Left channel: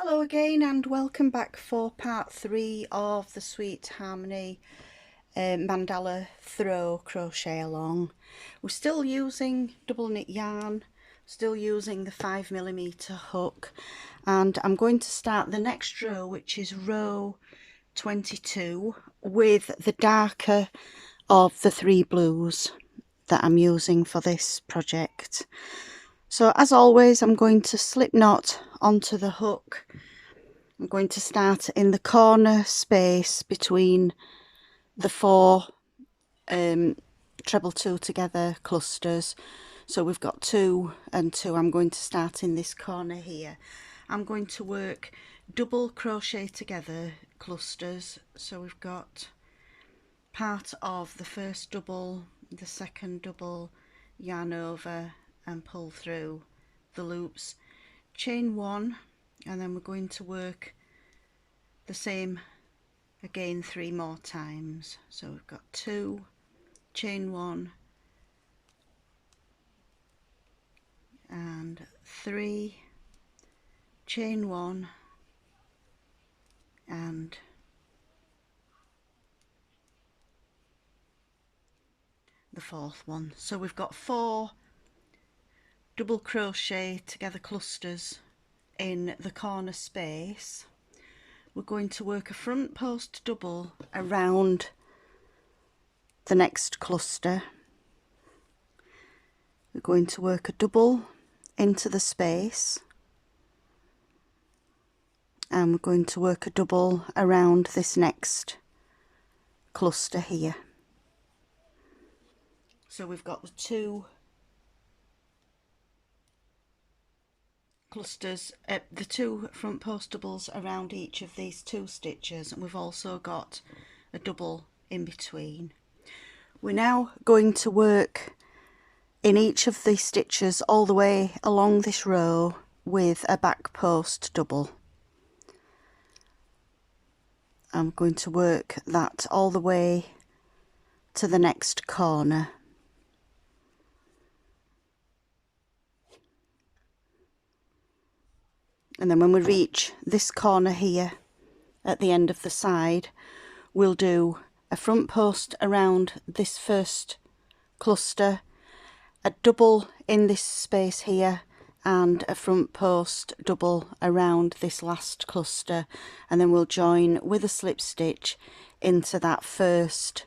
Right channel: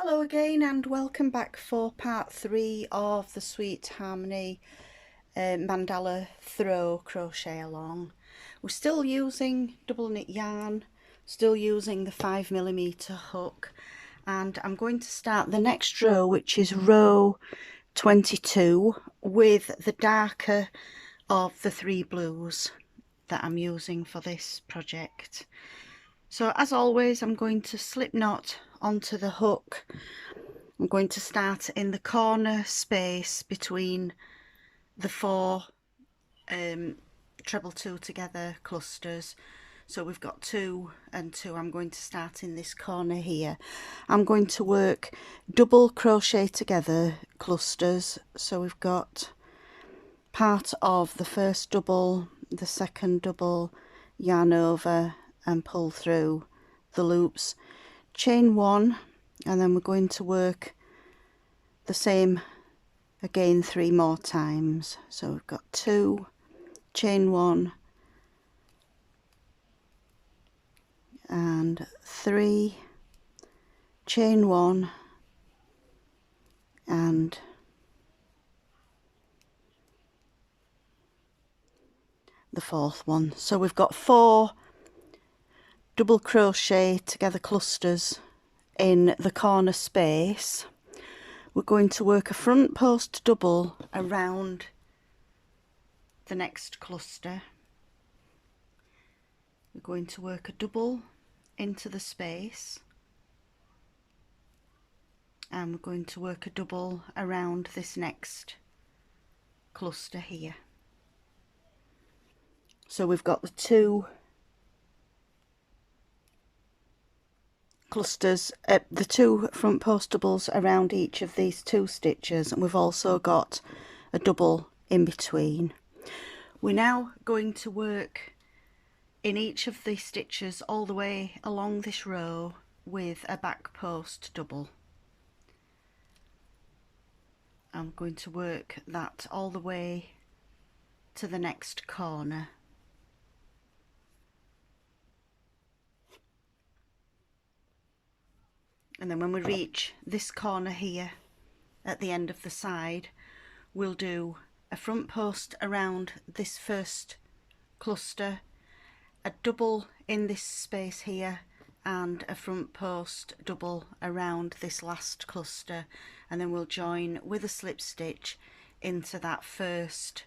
Hello again and welcome back for part 3 of the Sweet Harmony Mandala throw crochet along. We're still using double knit yarn, still using the 5mm hook, and I'm going to start the next row, which is row 22, with the darker of the 3 blues that I'm using for this project. So as always, I'm going to slip knot onto the hook. I'm going to start in the corner space between the 4 treble 2 together clusters. So we've got 2 and 2. I'm going to start in this corner here. I'm going to work double crochet together clusters. So we've got part of the first double, the second double, yarn over and pull through the loops, chain 1, and then we're going to work the same again 3 more times. So we've got 2, chain 1 and 3, chain 1 and the 4th one. So we've got 4 double crochet together clusters in the corner space. We're going to work a front post double around the next cluster. We're going to work a double into the space, and we're going to work a double around this next cluster here. So we've got the 2 clusters, the 2 front post doubles around each of these 2 stitches, and we've also got a double in between. We're now going to work in each of the stitches all the way along this row with a back post double. I'm going to work that all the way to the next corner. And then when we reach this corner here at the end of the side, we'll do a front post around this first cluster, a double in this space here, and a front post double around this last cluster, and then we'll join with a slip stitch into that first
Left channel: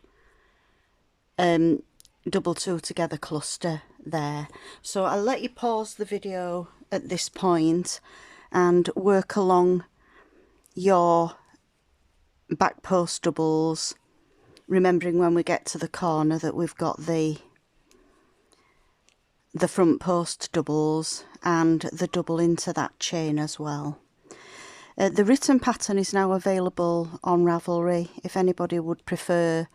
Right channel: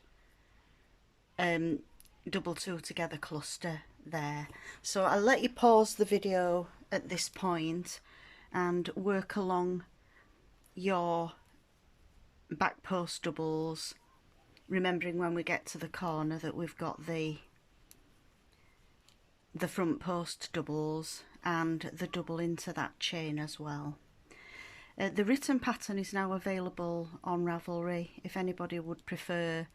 double 2 together cluster there. So I'll let you pause the video at this point and work along your back post doubles, remembering when we get to the corner that we've got the front post doubles and the double into that chain as well. The written pattern is now available on Ravelry if anybody would prefer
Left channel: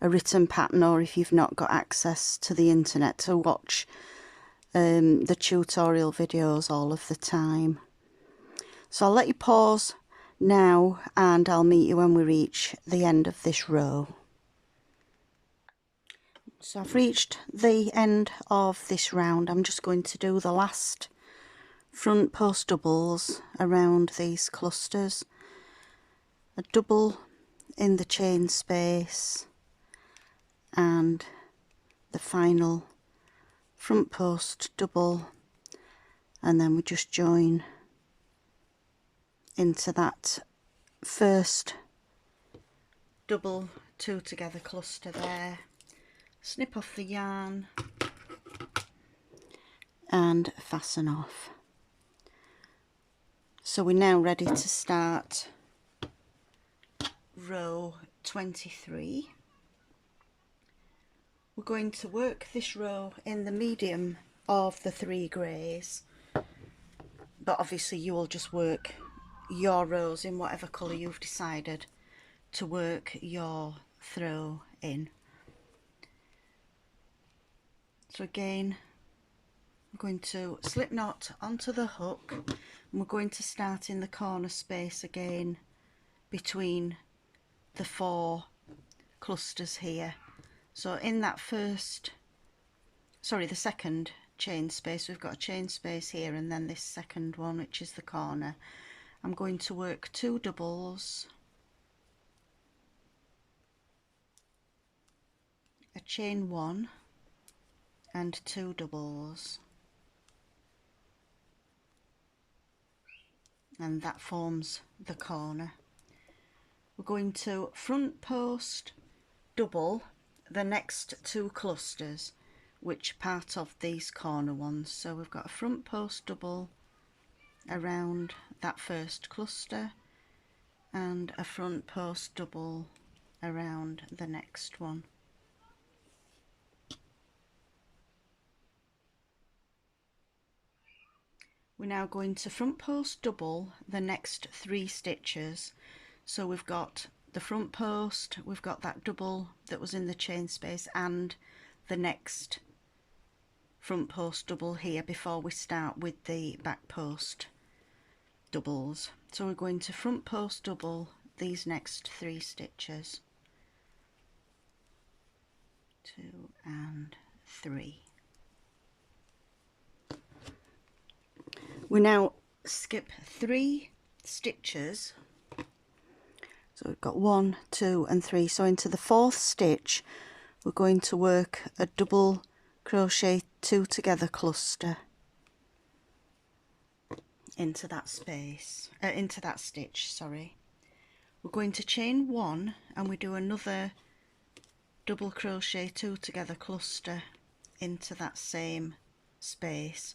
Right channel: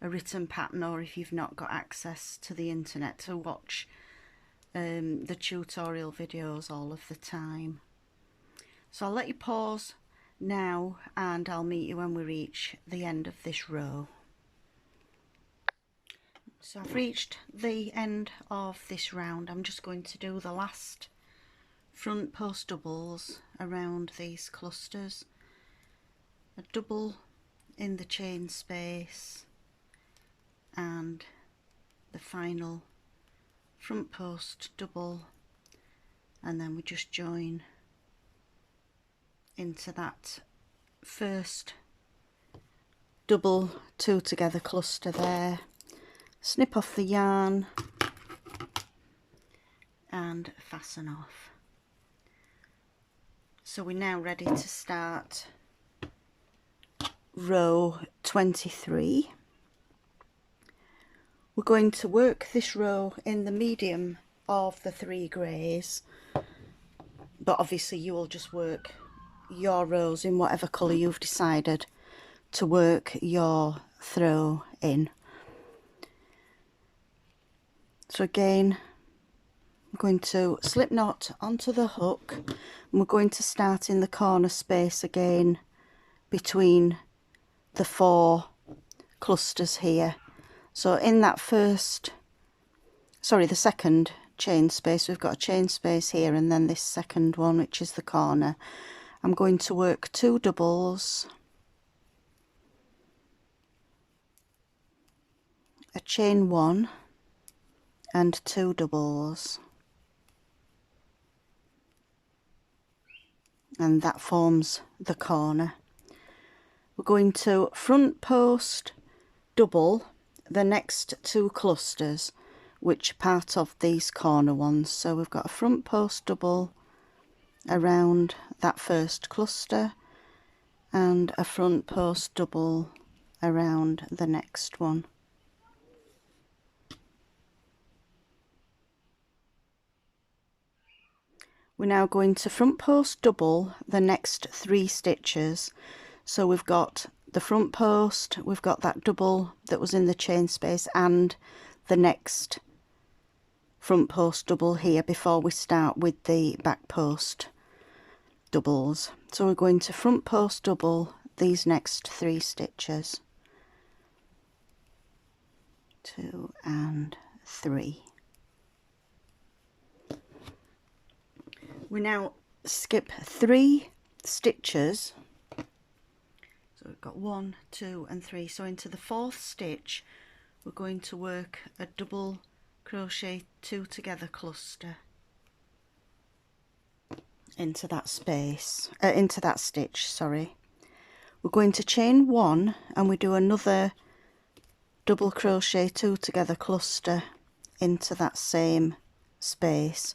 a written pattern, or if you've not got access to the internet to watch the tutorial videos all of the time. So I'll let you pause now and I'll meet you when we reach the end of this row. So I've reached the end of this round. I'm just going to do the last front post doubles around these clusters, a double in the chain space and the final front post double, and then we just join into that first double 2 together cluster there, snip off the yarn and fasten off. So we're now ready to start row 23. We're going to work this row in the medium of the 3 greys, but obviously you will just work your rows in whatever colour you've decided to work your throw in. So again, I'm going to slip knot onto the hook, and we're going to start in the corner space again between the 4 clusters here. So in that the second chain space, we've got a chain space here, and then this second one, which is the corner. I'm going to work 2 doubles, a chain 1 and 2 doubles, and that forms the corner. We're going to front post double the next 2 clusters, which part of these corner ones. So we've got a front post double around that first cluster and a front post double around the next one. We're now going to front post double the next 3 stitches. So we've got the front post, we've got that double that was in the chain space, and the next front post double here before we start with the back post doubles. So we're going to front post double these next 3 stitches, 2 and 3. We now skip 3 stitches, so we've got 1, 2 and 3. So into the 4th stitch we're going to work a double crochet 2 together cluster into that space, into that stitch, sorry. We're going to chain 1 and we do another double crochet 2 together cluster into that same space.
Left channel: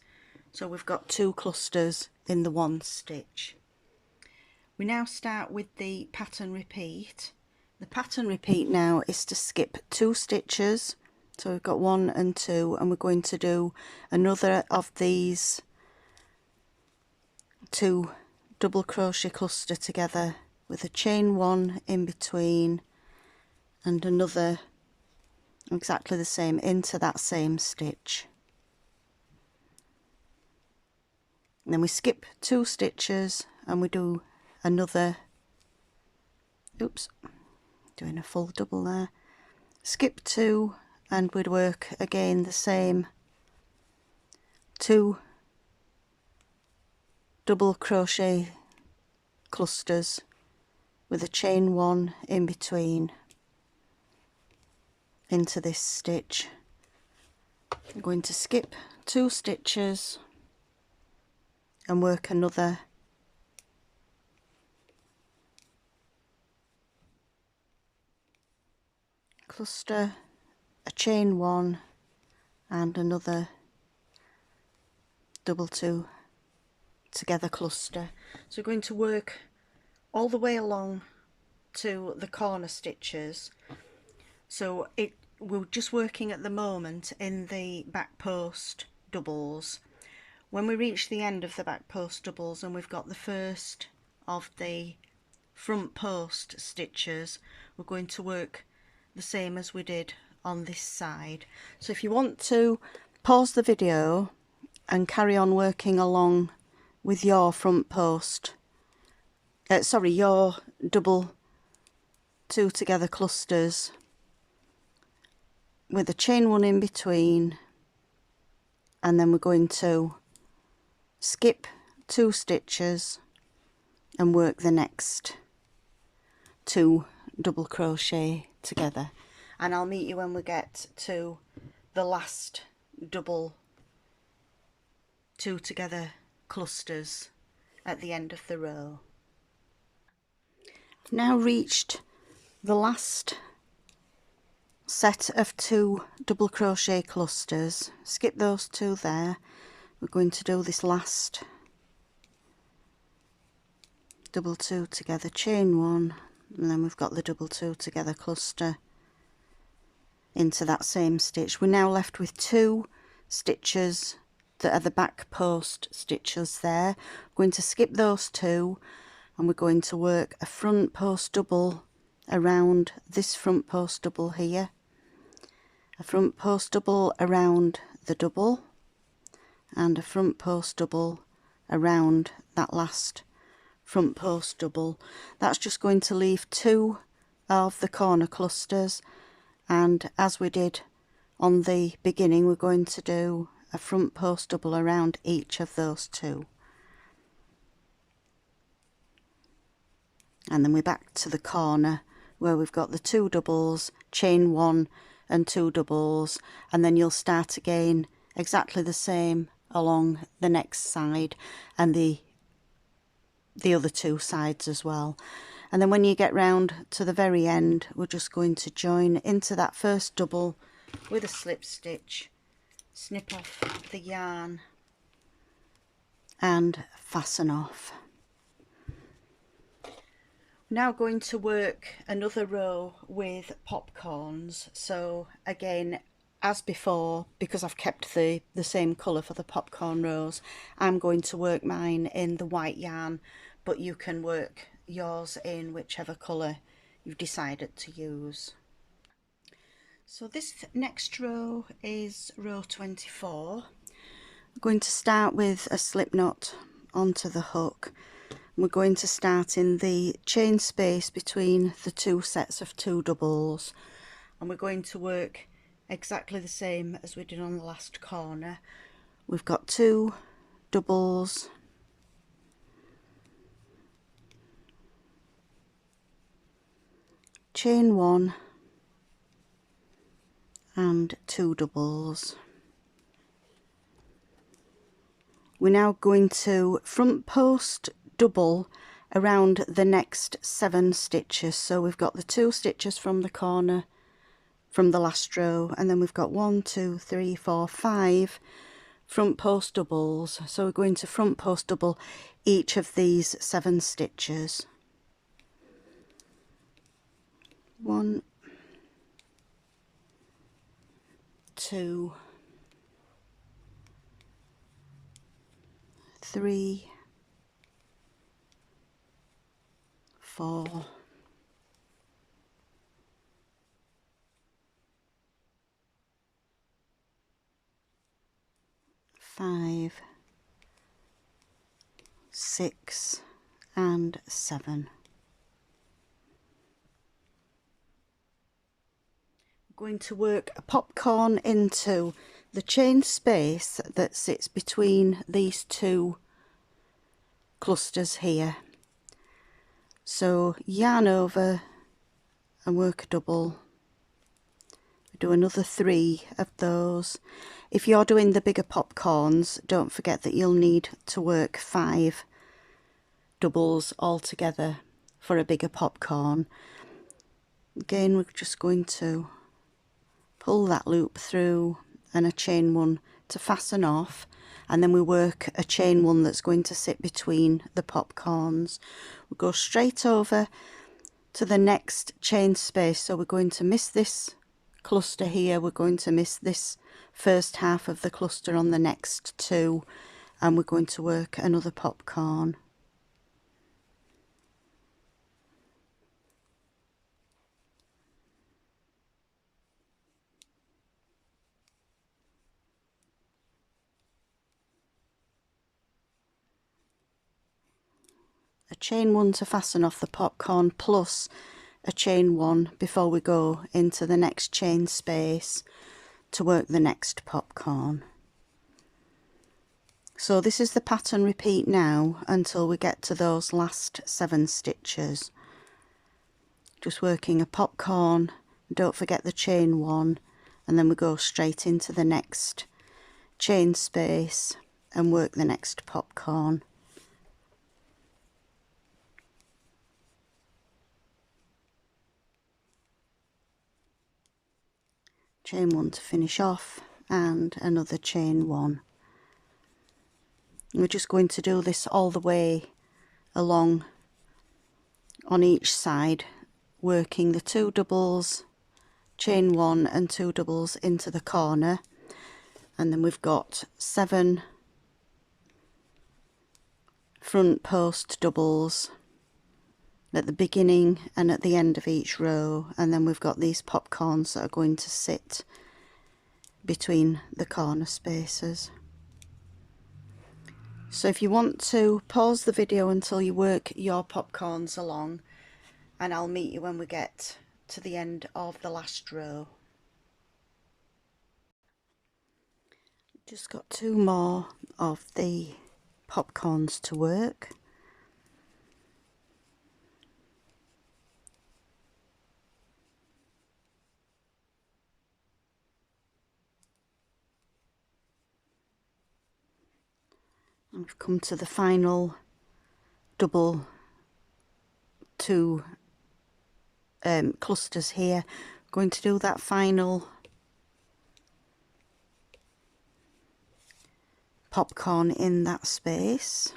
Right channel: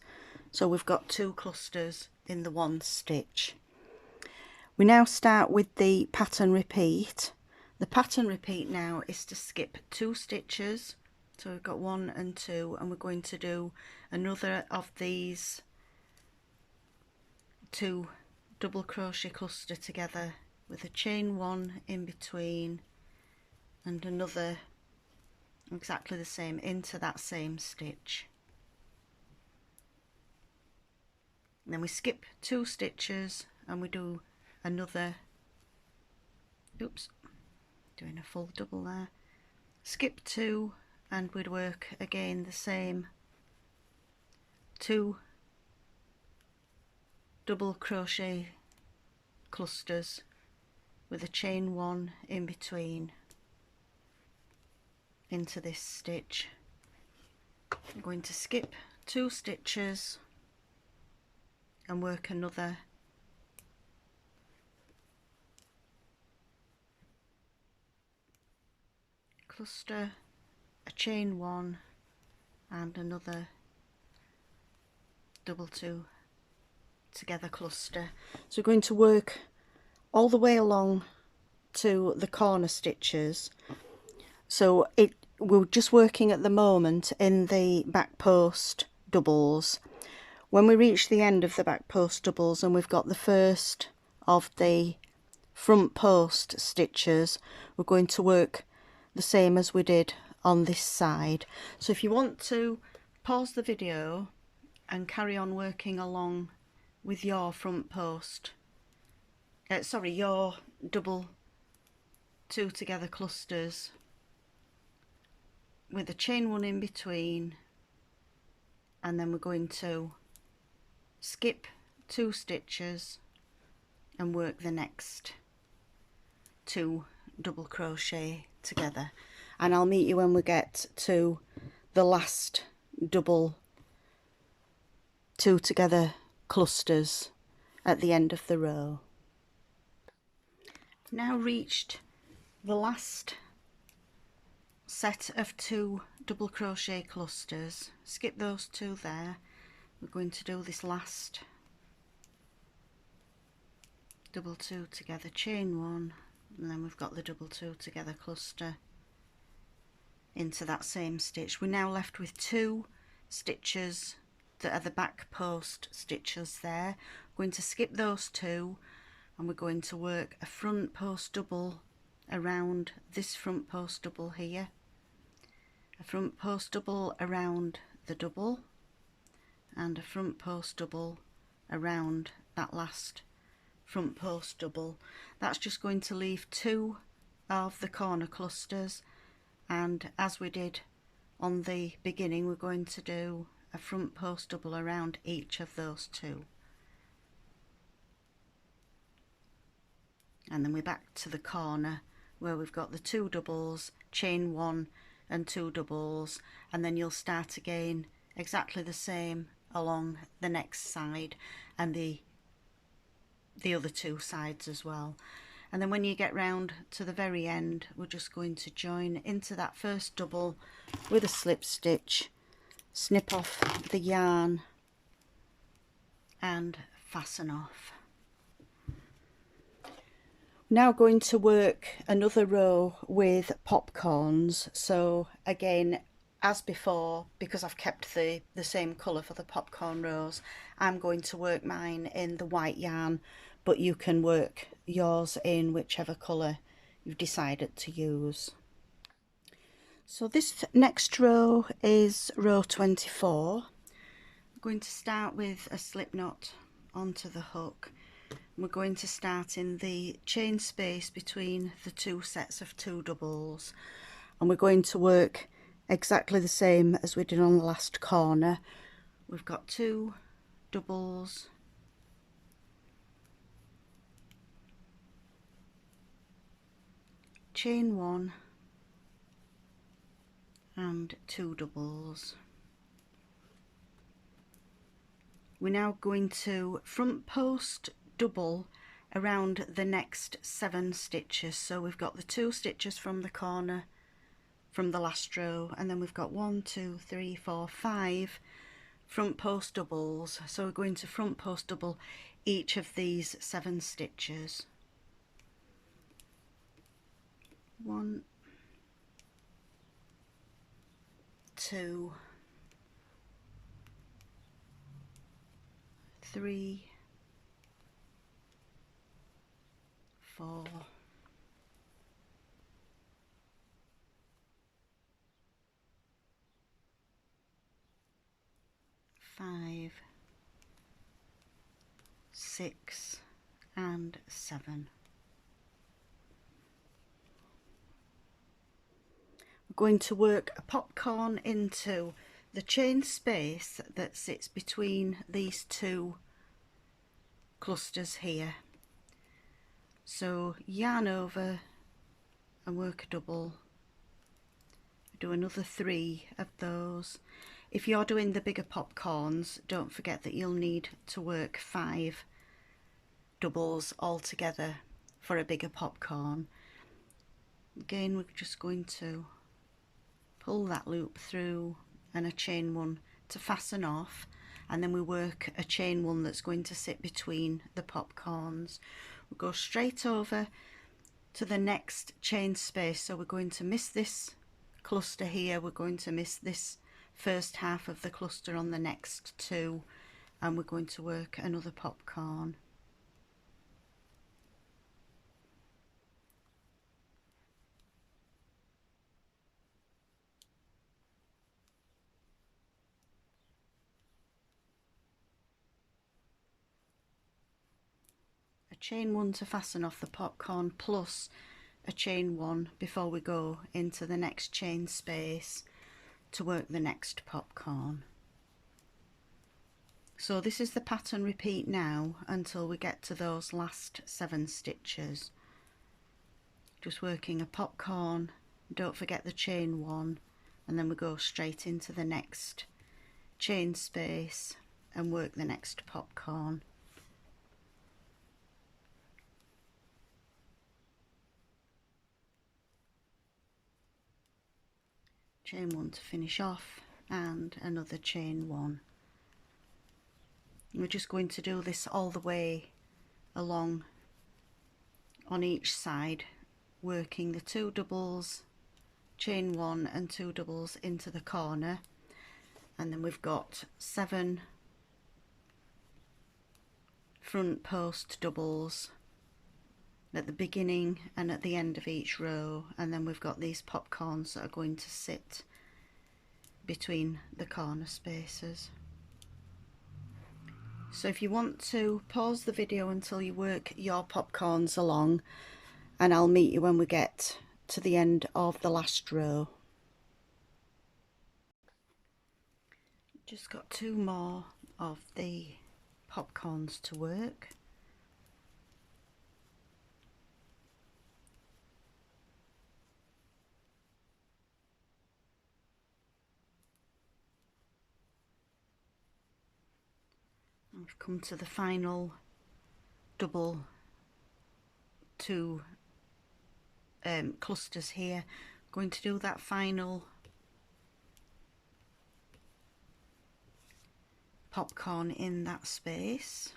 So we've got 2 clusters in the 1 stitch. We now start with the pattern repeat. The pattern repeat now is to skip 2 stitches. So we've got 1 and 2, and we're going to do another of these 2 double crochet cluster together with a chain 1 in between and another exactly the same into that same stitch. And then we skip 2 stitches and we do another, oops, doing a full double there, skip 2 and we'd work again the same 2 double crochet clusters with a chain 1 in between into this stitch. I'm going to skip 2 stitches and work another cluster, a chain 1 and another double 2 together cluster. So we're going to work all the way along to the corner stitches. So we're just working at the moment in the back post doubles. When we reach the end of the back post doubles and we've got the first of the front post stitches, we're going to work the same as we did on this side. So if you want to pause the video and carry on working along with your front post, your double 2 together clusters with a chain 1 in between, and then we're going to skip 2 stitches and work the next 2 double crochet together, and I'll meet you when we get to the last double 2 together clusters at the end of the row. I've now reached the last set of 2 double crochet clusters. Skip those 2 there. We're going to do this last double 2 together, chain 1, and then we've got the double 2 together cluster into that same stitch. We're now left with 2 stitches that are the back post stitches there. We're going to skip those 2 and we're going to work a front post double around this front post double here, a front post double around the double, and a front post double around that last front post double. That's just going to leave 2 of the corner clusters, and as we did on the beginning, we're going to do a front post double around each of those 2. and then we're back to the corner where we've got the 2 doubles, chain 1 and 2 doubles, and then you'll start again exactly the same along the next side and the other 2 sides as well. And then when you get round to the very end, we're just going to join into that first double with a slip stitch, snip off the yarn and fasten off. Now going to work another row with popcorns. So again, as before, because I've kept the same colour for the popcorn rows, I'm going to work mine in the white yarn, but you can work yours in whichever colour you've decided to use. So this next row is row 24. I'm going to start with a slip knot onto the hook. We're going to start in the chain space between the 2 sets of 2 doubles, and we're going to work exactly the same as we did on the last corner. We've got 2 doubles, chain 1 and 2 doubles. We're now going to front post double around the next 7 stitches. So we've got the 2 stitches from the corner from the last row, and then we've got 1, 2, 3, 4, 5 front post doubles. So we're going to front post double each of these 7 stitches. 1, 2, 3, 4, 5, 6 and 7. We're going to work a popcorn into the chain space that sits between these 2 clusters here. So yarn over and work a double, do another 3 of those. If you're doing the bigger popcorns, don't forget that you'll need to work 5 doubles altogether for a bigger popcorn. Again, we're just going to pull that loop through and a chain 1 to fasten off, and then we work a chain 1 that's going to sit between the popcorns. We'll go straight over to the next chain space, so we're going to miss this cluster here, we're going to miss this first half of the cluster on the next 2, and we're going to work another popcorn. A chain 1 to fasten off the popcorn plus a chain 1 before we go into the next chain space to work the next popcorn. So this is the pattern repeat now until we get to those last 7 stitches. Just working a popcorn, don't forget the chain 1, and then we go straight into the next chain space and work the next popcorn. Chain 1 to finish off and another chain 1. We're just going to do this all the way along on each side, working the 2 doubles, chain 1 and 2 doubles into the corner, and then we've got 7 front post doubles at the beginning and at the end of each row, and then we've got these popcorns that are going to sit between the corner spaces. So if you want to pause the video until you work your popcorns along, and I'll meet you when we get to the end of the last row. Just got 2 more of the popcorns to work. We've come to the final double two clusters here. Going to do that final popcorn in that space.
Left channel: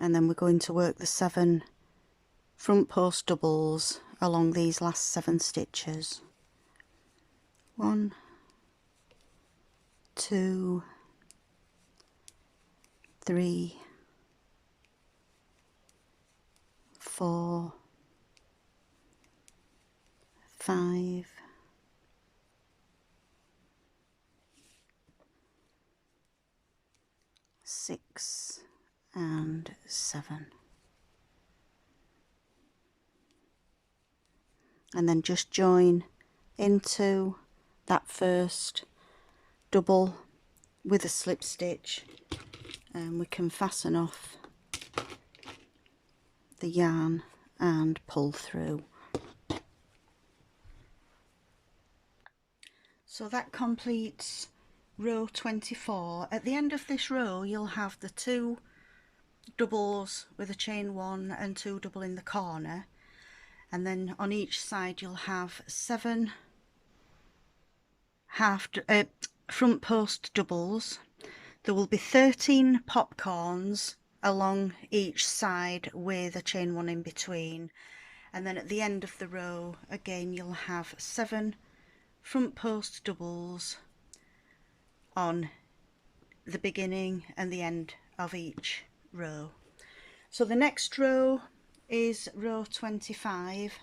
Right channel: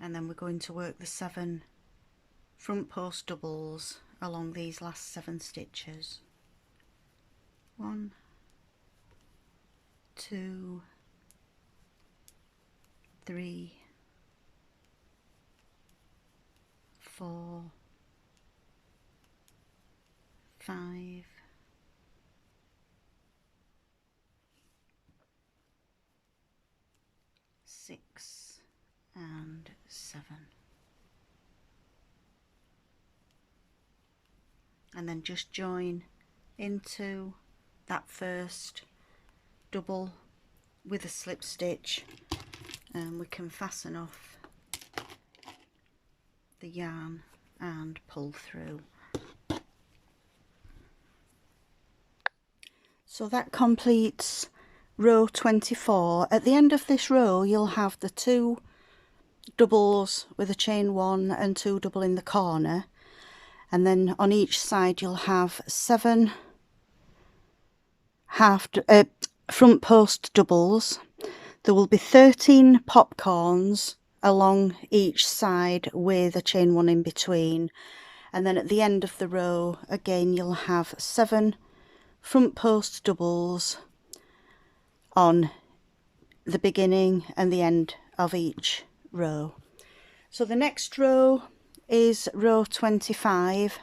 And then we're going to work the 7 front post doubles along these last 7 stitches. 1, 2, 3, 4, 5, 6 and 7. And then just join into that first double with a slip stitch, and we can fasten off the yarn and pull through. So that completes row 24. At the end of this row you'll have the 2 doubles with a chain 1 and 2 double in the corner, and then on each side you'll have 7 front post doubles. There will be 13 popcorns along each side with a chain 1 in between, and then at the end of the row again you'll have 7 front post doubles on the beginning and the end of each row. So the next row is row 25,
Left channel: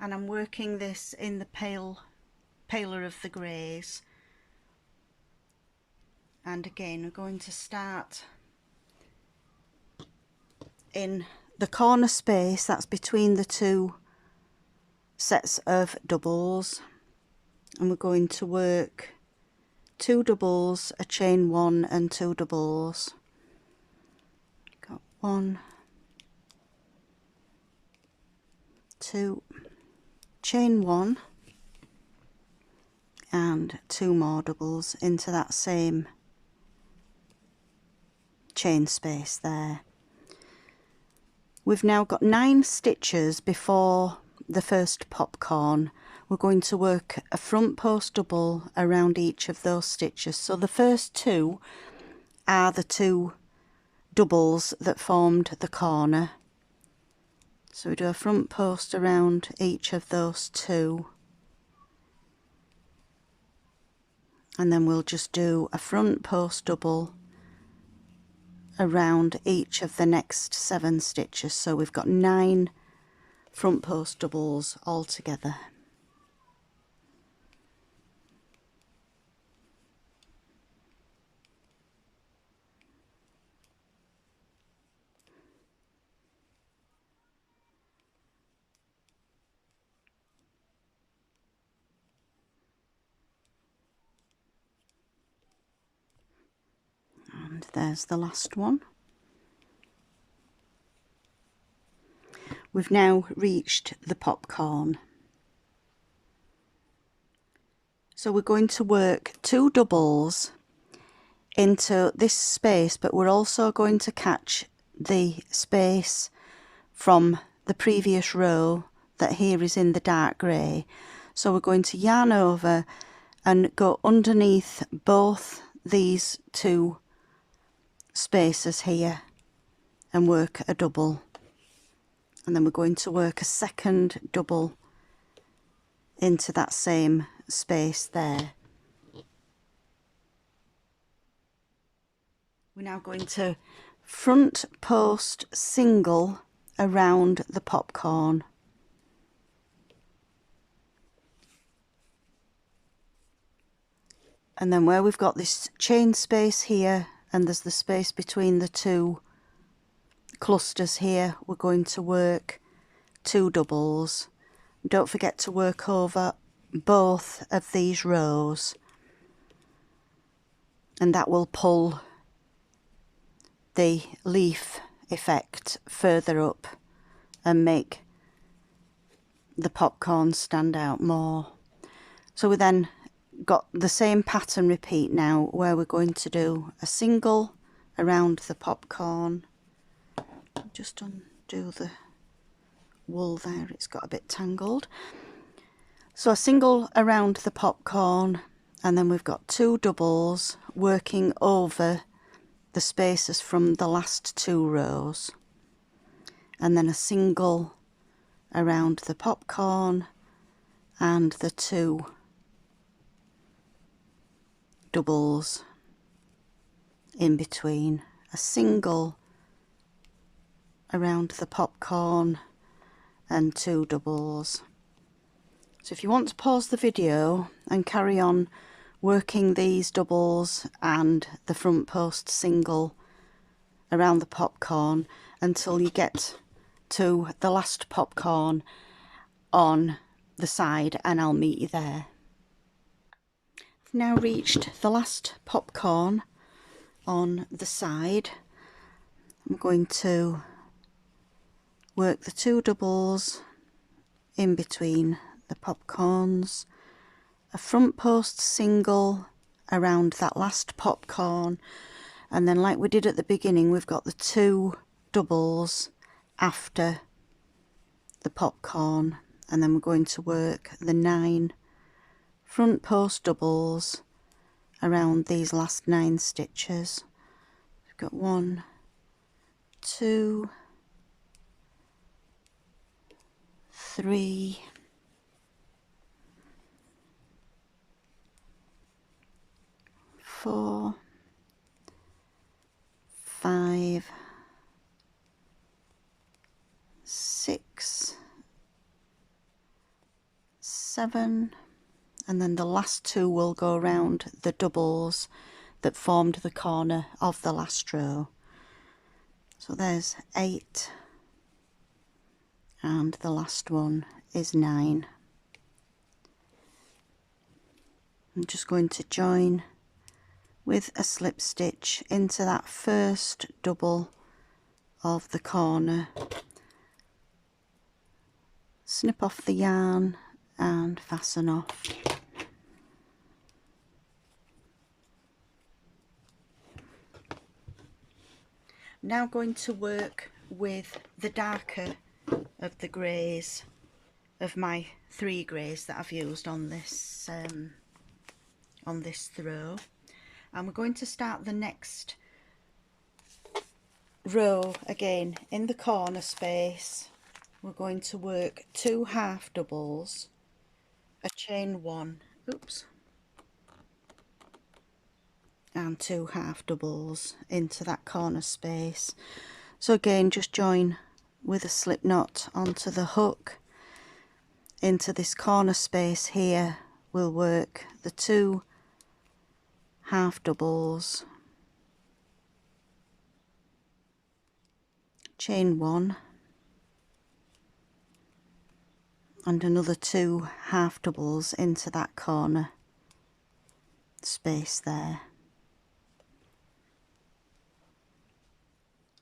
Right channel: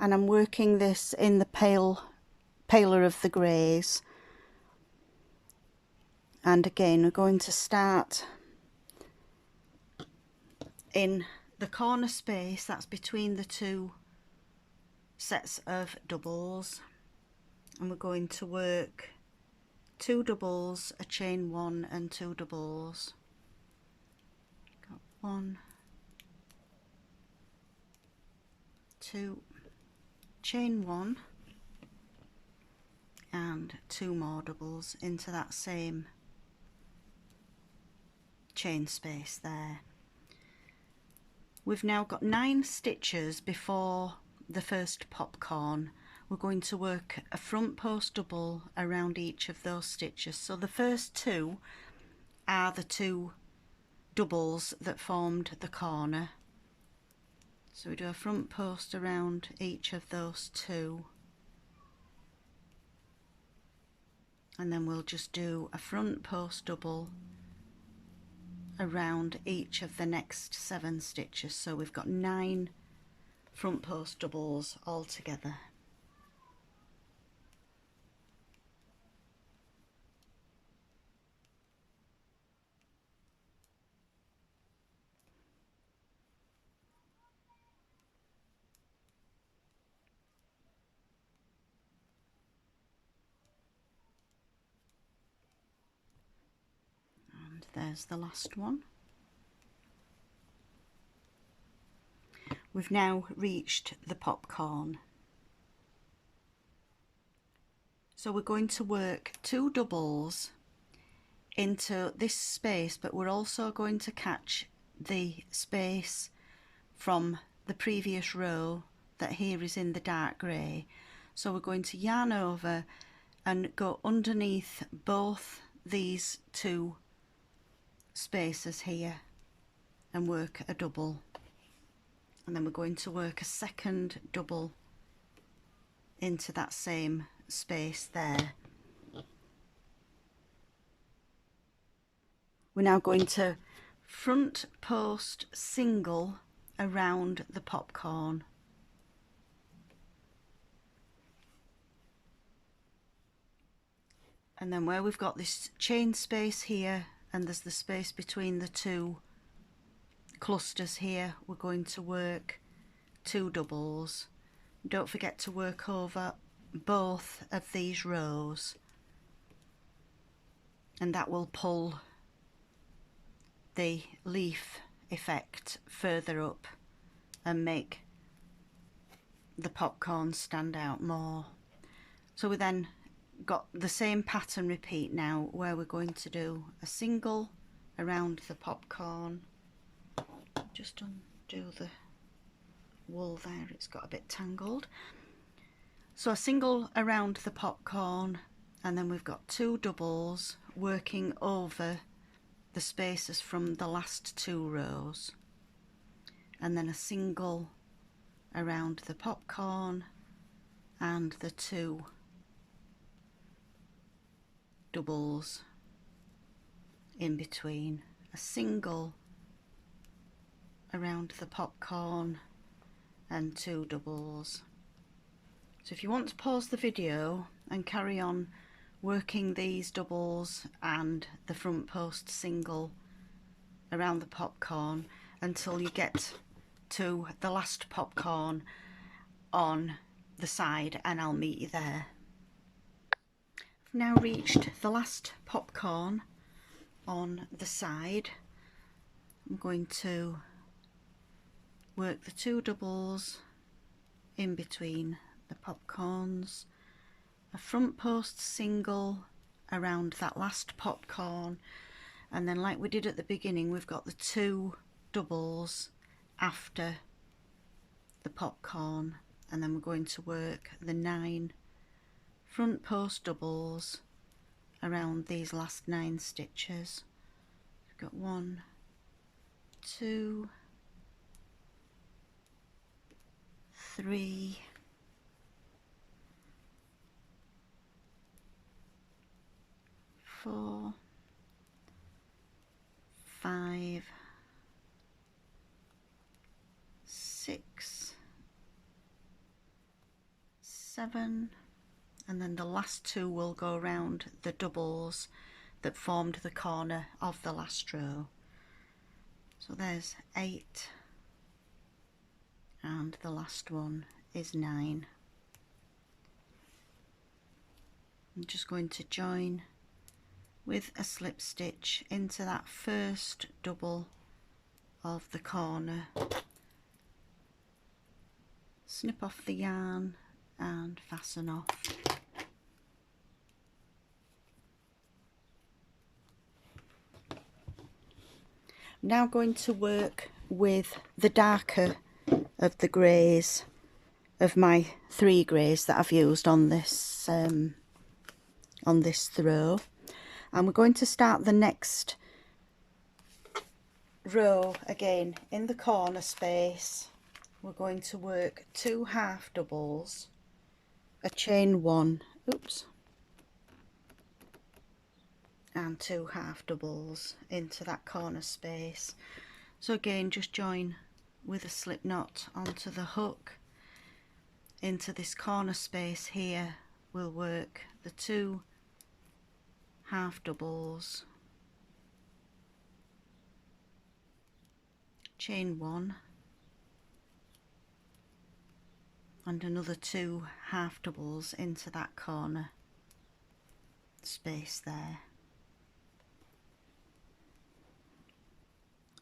and I'm working this in the paler of the greys. And again we're going to start in the corner space that's between the 2 sets of doubles, and we're going to work 2 doubles, a chain 1 and 2 doubles. Got 1, 2, chain 1 and 2 more doubles into that same chain space there. We've now got 9 stitches before the first popcorn. We're going to work a front post double around each of those stitches. So the first 2 are the 2 doubles that formed the corner. So we do a front post around each of those 2, and then we'll just do a front post double around each of the next 7 stitches. So we've got 9 front post doubles all together. And there's the last one. We've now reached the popcorn. So we're going to work 2 doubles into this space, but we're also going to catch the space from the previous row that here is in the dark grey. So we're going to yarn over and go underneath both these 2 spaces here and work a double, and then we're going to work a second double into that same space there. We're now going to front post single around the popcorn, and then where we've got this chain space here and there's the space between the 2 clusters here, we're going to work 2 doubles. Don't forget to work over both of these rows, and that will pull the leaf effect further up and make the popcorn stand out more. So we then got the same pattern repeat now, where we're going to do a single around the popcorn. Just undo the wool there, it's got a bit tangled. So a single around the popcorn, and then we've got 2 doubles working over the spaces from the last 2 rows, and then a single around the popcorn and the 2 doubles in between, a single around the popcorn and 2 doubles. So if you want to pause the video and carry on working these doubles and the front post single around the popcorn until you get to the last popcorn on the side, and I'll meet you there. I've now reached the last popcorn on the side. I'm going to work the 2 doubles in between the popcorns, a front post single around that last popcorn, and then like we did at the beginning, we've got the 2 doubles after the popcorn, and then we're going to work the 9 front post doubles around these last 9 stitches. We've got 1, 2, 3, 4, 5, 6, 7, and then the last 2 will go around the doubles that formed the corner of the last row. So there's 8, and the last one is 9. I'm just going to join with a slip stitch into that first double of the corner, snip off the yarn and fasten off. I'm now going to work with the darker of the greys, of my 3 greys that I've used on this throw, and we're going to start the next row again in the corner space. We're going to work 2 half doubles, a chain 1, oops, and 2 half doubles into that corner space. So again, just join with a slip knot onto the hook into this corner space here. We'll work the 2 half doubles, chain 1, and another 2 half doubles into that corner space there.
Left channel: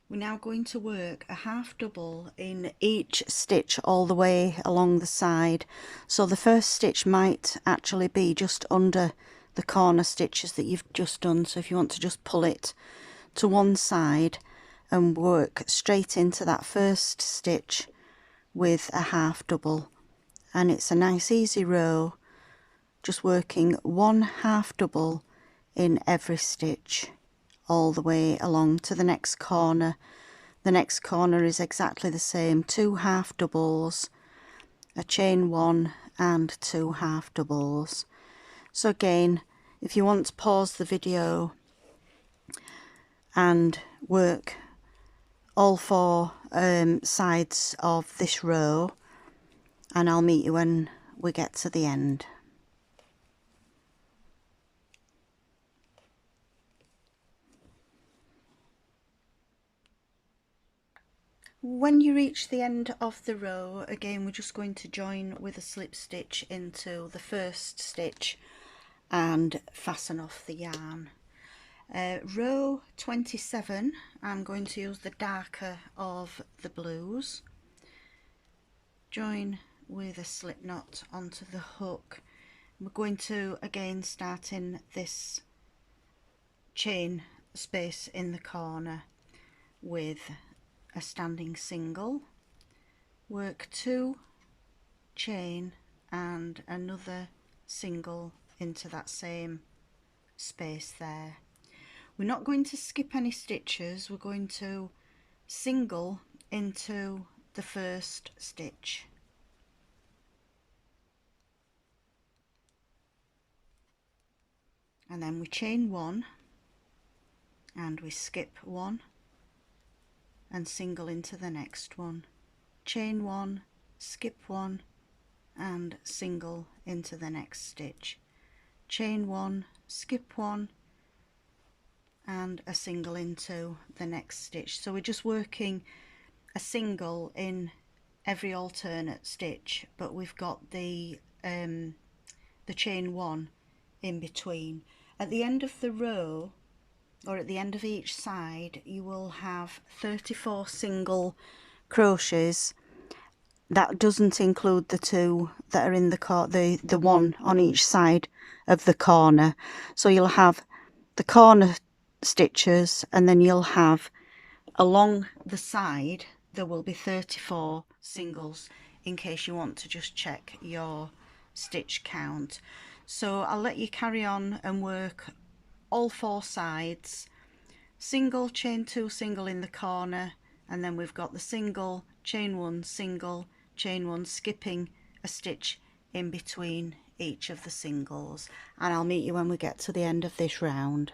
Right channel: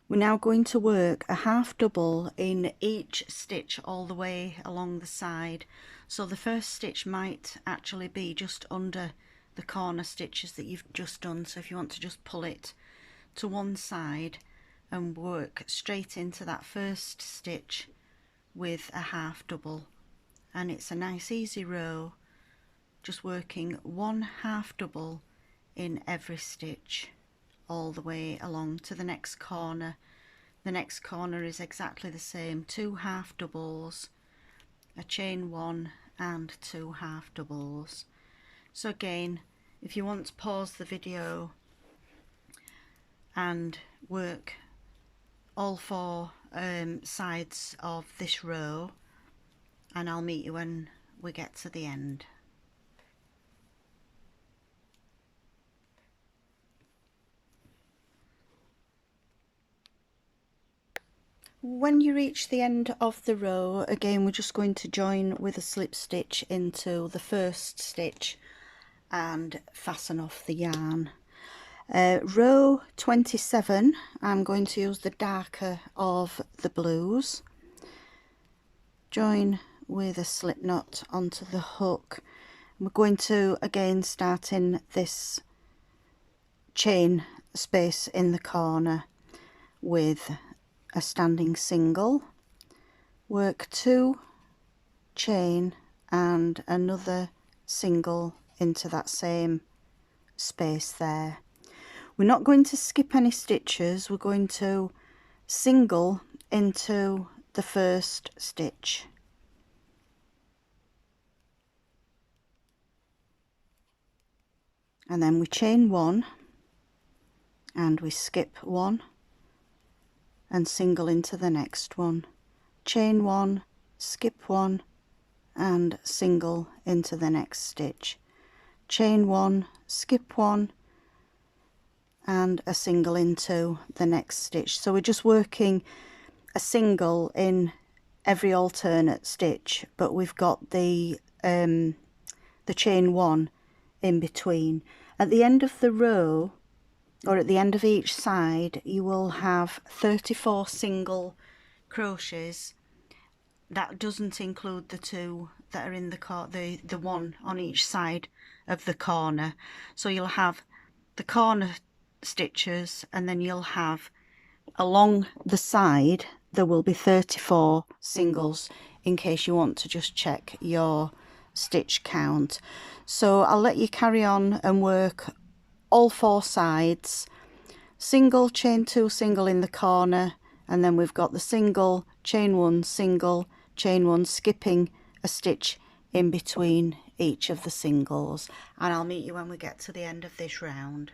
We're now going to work a half double in each stitch all the way along the side. So the first stitch might actually be just under the corner stitches that you've just done. So if you want to just pull it to one side and work straight into that first stitch with a half double, and it's a nice easy row, just working 1 half double in every stitch all the way along to the next corner. The next corner is exactly the same, 2 half doubles, a chain 1 and 2 half doubles. So again, if you want to pause the video and work all 4 sides of this row, and I'll meet you when we get to the end. When you reach the end of the row, again we're just going to join with a slip stitch into the first stitch and fasten off the yarn. Row 27, I'm going to use the darker of the blues. Join with a slip knot onto the hook. We're going to again start in this chain space in the corner with a standing single, work 2, chain and another single into that same space there. We're not going to skip any stitches, we're going to single into the first stitch. And then we chain 1 and we skip 1 and single into the next one. Chain 1, skip 1 and single into the next stitch. Chain 1, skip 1 and a single into the next stitch. So we're just working a single in every alternate stitch, but we've got the chain 1 in between. At the end of the row, or at the end of each side, you will have 34 single crochets. That doesn't include the 2 that are in the one on each side of the corner. So you'll have the corner stitches, and then you'll have along the side there will be 34 singles, in case you want to just check your stitch count. So I'll let you carry on and work all 4 sides. Single, chain 2, single in the corner, and then we've got the single, chain 1, single, chain 1, skipping a stitch in between each of the singles. And I'll meet you when we get to the end of this round.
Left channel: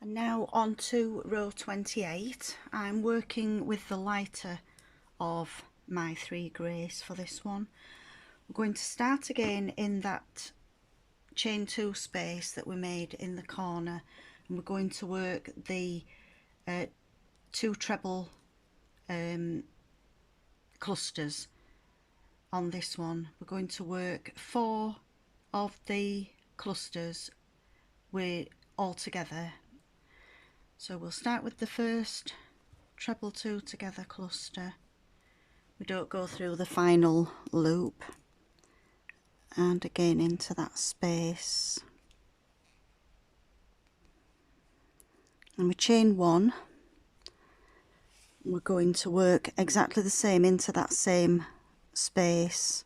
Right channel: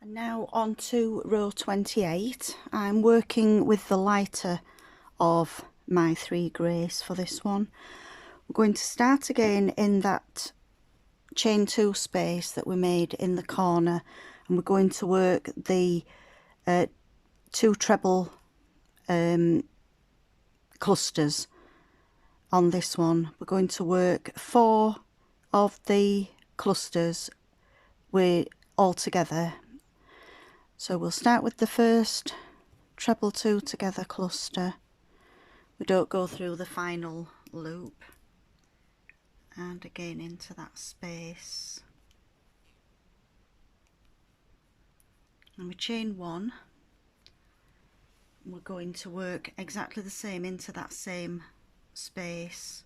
And now on to row 28. I'm working with the lighter of my 3 greys for this one. We're going to start again in that chain 2 space that we made in the corner, and we're going to work the 2 treble clusters on this one. We're going to work 4 of the clusters all together. So we'll start with the first treble 2 together cluster. We don't go through the final loop, and again into that space, and we chain 1. We're going to work exactly the same into that same space,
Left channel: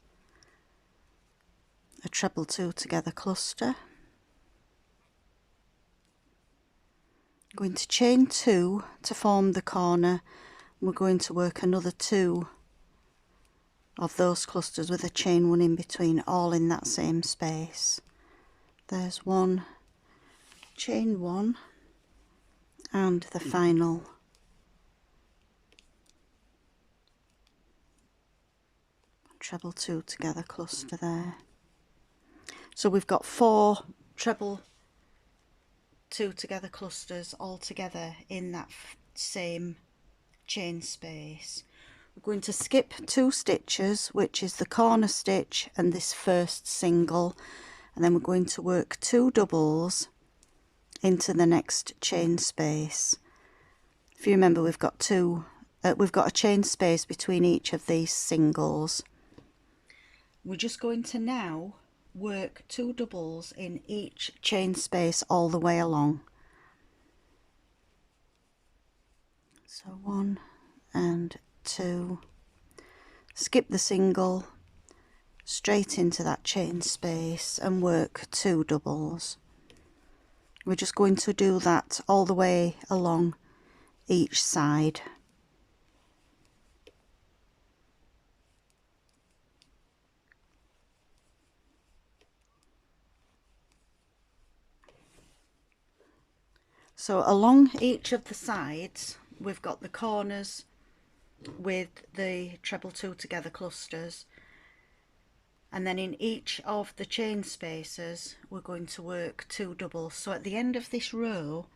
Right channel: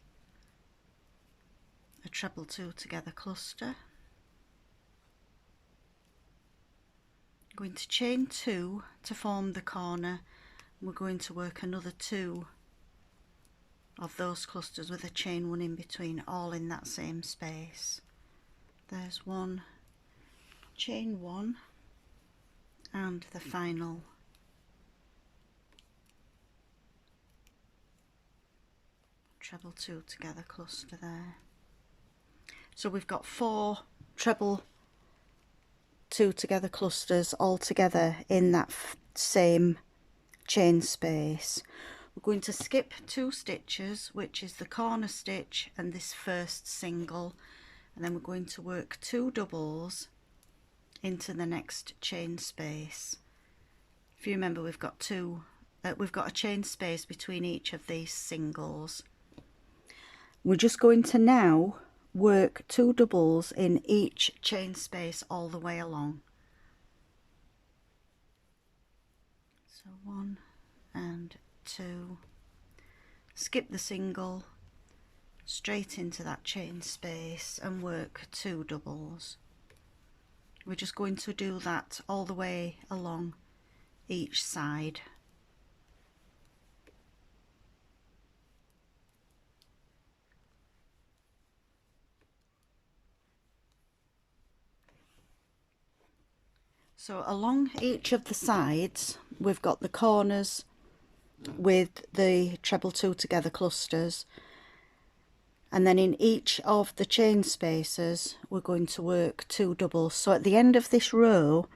a treble 2 together cluster. Going to chain 2 to form the corner. We're going to work another 2 of those clusters with a chain 1 in between, all in that same space. There's 1, chain 1, and the final treble 2 together cluster there. So we've got 4 treble 2 together clusters all together in that same chain space. We're going to skip 2 stitches, which is the corner stitch and this first single, and then we're going to work 2 doubles into the next chain space. If you remember, we've got a chain space between each of these singles. We're just going to now work 2 doubles in each chain space all the way along. So 1 and 2, skip the single, straight into that chain space and work 2 doubles. We're just going to do that all the way along each side. So along each of the sides we've got the corners with the treble 2 together clusters, and then in each of the chain spaces we're going to work 2 doubles. So at the end of this row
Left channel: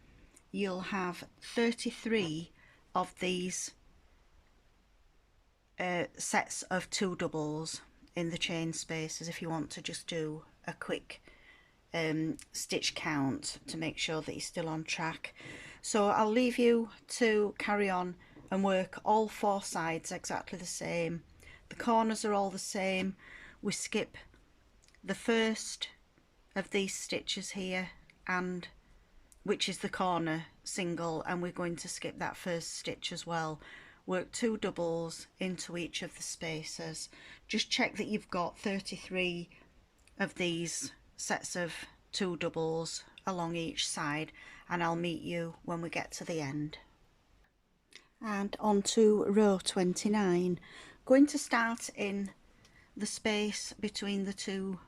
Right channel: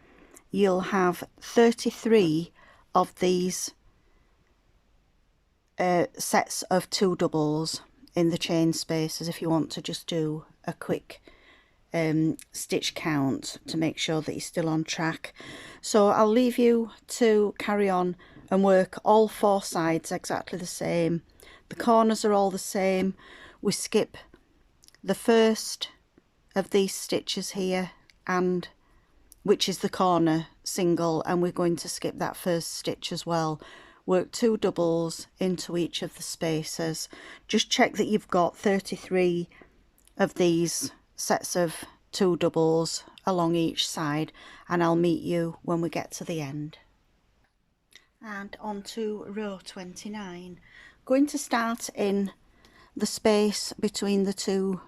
you'll have 33 of these sets of 2 doubles in the chain spaces, if you want to just do a quick stitch count to make sure that you're still on track. So I'll leave you to carry on and work all 4 sides exactly the same. The corners are all the same. We skip the first of these stitches here, and which is the corner single, and we're going to skip that first stitch as well. Work 2 doubles into each of the spaces. Just check that you've got 33 of these sets of 2 doubles along each side, and I'll meet you when we get to the end. And on to row 29. Going to start in the space between the 2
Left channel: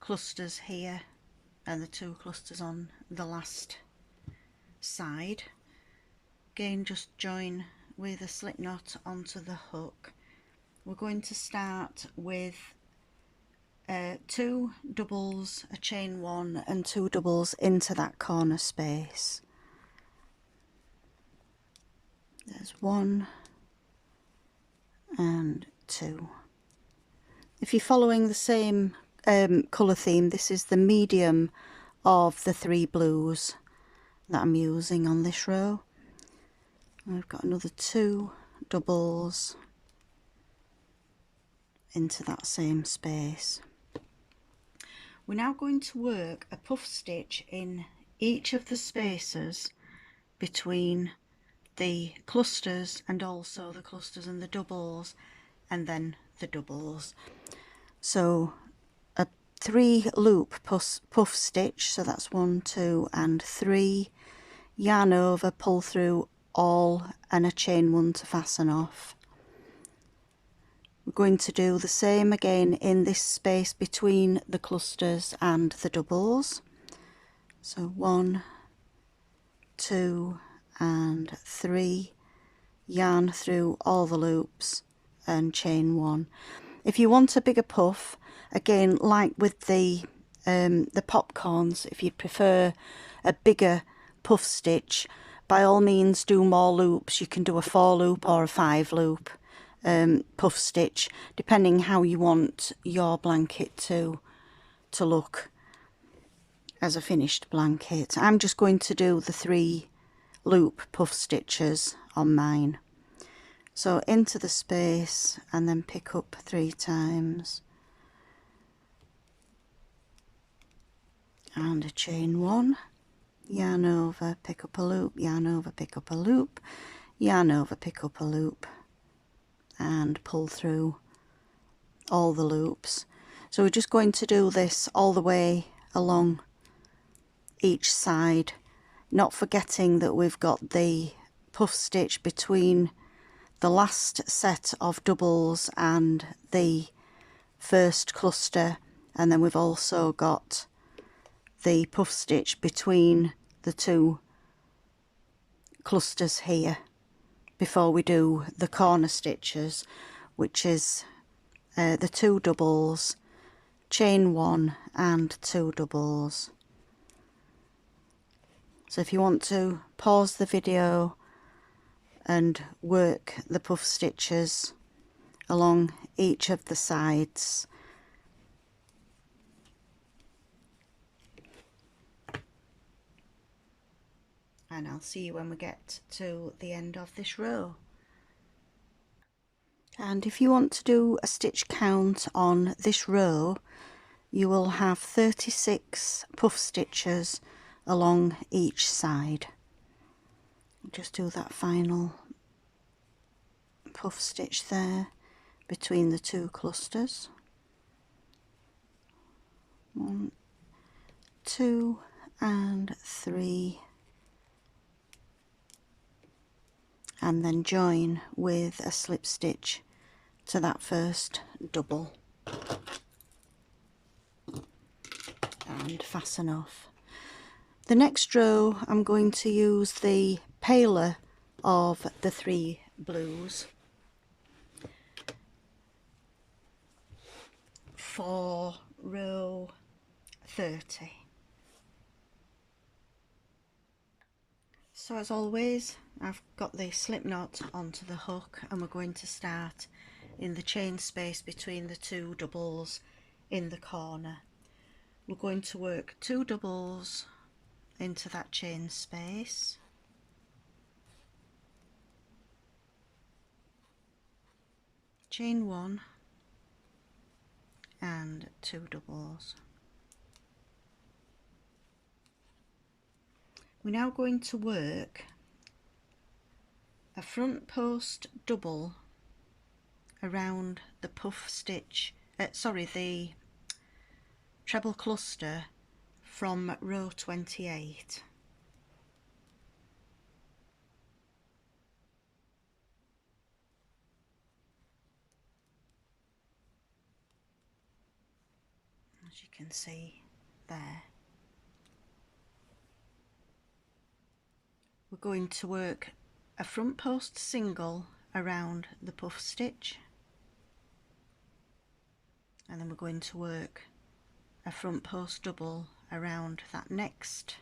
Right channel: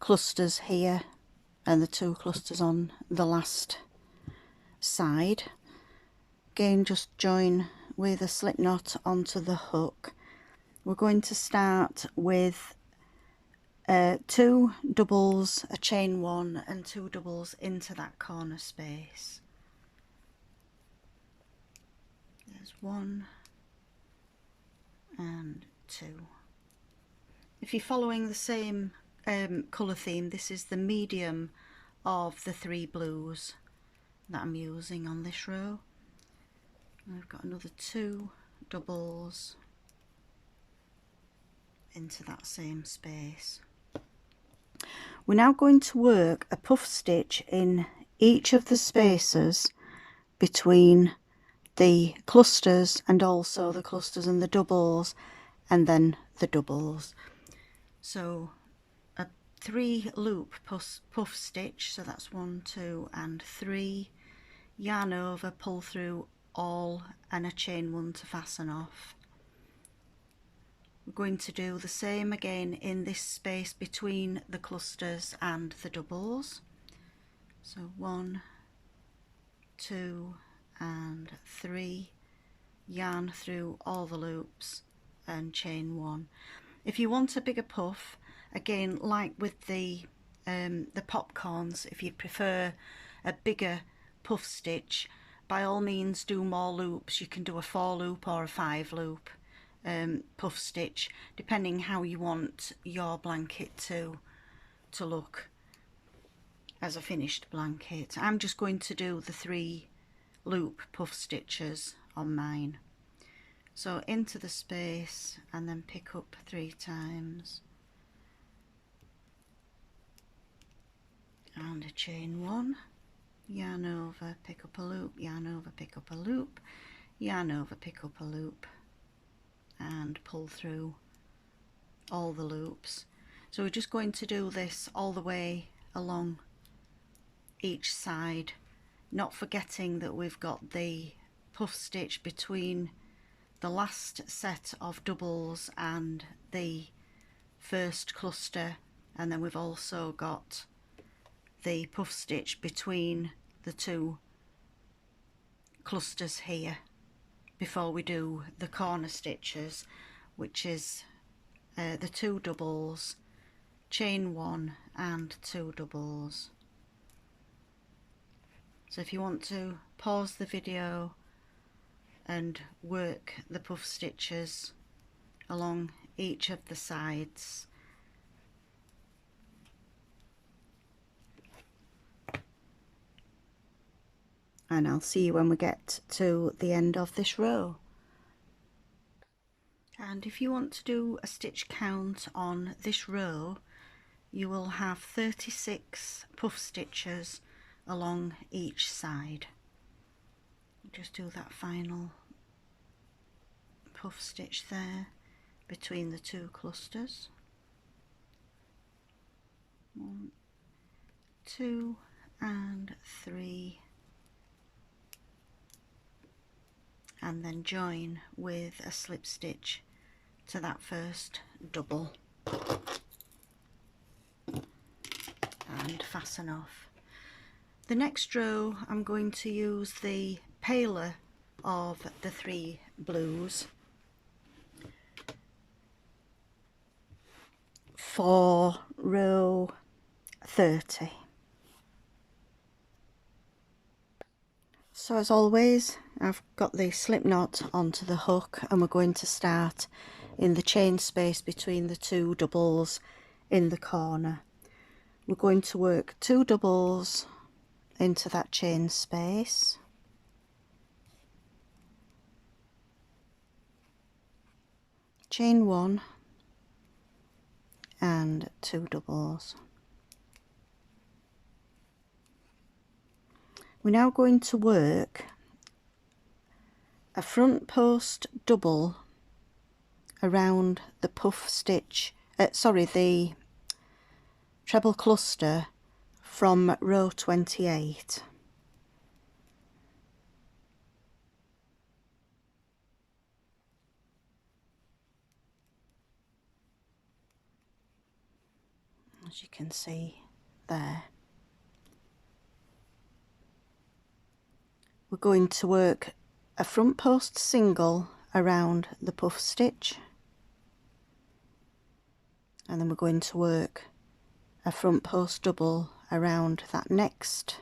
clusters here and the 2 clusters on the last side. Again, just join with a slip knot onto the hook. We're going to start with 2 doubles, a chain 1 and 2 doubles into that corner space. There's 1 and 2. If you're following the same colour theme, this is the medium of the 3 blues that I'm using on this row. I've got another 2 doubles into that same space. We're now going to work a puff stitch in each of the spaces between the clusters, and also the clusters and the doubles, and then the doubles. So a 3 loop puff stitch, so that's 1, 2 and 3, yarn over, pull through all, and a chain 1 to fasten off. We're going to do the same again in this space between the clusters and the doubles. So 1, 2 and 3, yarn through all the loops and chain 1. If you want a bigger puff, again, like with the popcorns, if you prefer a bigger puff stitch, by all means do more loops. You can do a 4 loop or a 5 loop puff stitch, depending how you want your blanket to look as a finished blanket. I'm just going to do the 3 loop puff stitches on mine. So into the space and then pick up 3 times and a chain 1, yarn over, pick up a loop, yarn over, pick up a loop, yarn over, pick up a loop, and pull through all the loops. So we're just going to do this all the way along each side, not forgetting that we've got the puff stitch between the last set of doubles and the first cluster, and then we've also got the puff stitch between the 2 clusters here before we do the corner stitches, which is the 2 doubles, chain 1 and 2 doubles. So if you want to pause the video and work the puff stitches along each of the sides. And I'll see you when we get to the end of this row. And if you want to do a stitch count on this row, you will have 36 puff stitches along each side. Just do that final puff stitch there between the 2 clusters. 1, 2 and 3, and then join with a slip stitch to that first double and fasten off. The next row I'm going to use the paler of the 3 blues for row 30. So as always, I've got the slip knot onto the hook, and we're going to start in the chain space between the 2 doubles in the corner. We're going to work 2 doubles into that chain space, chain 1 and 2 doubles. We're now going to work a front post double around the puff stitch, the treble cluster from row 28. As you can see there. We're going to work a front post single around the puff stitch, and then we're going to work a front post double around that next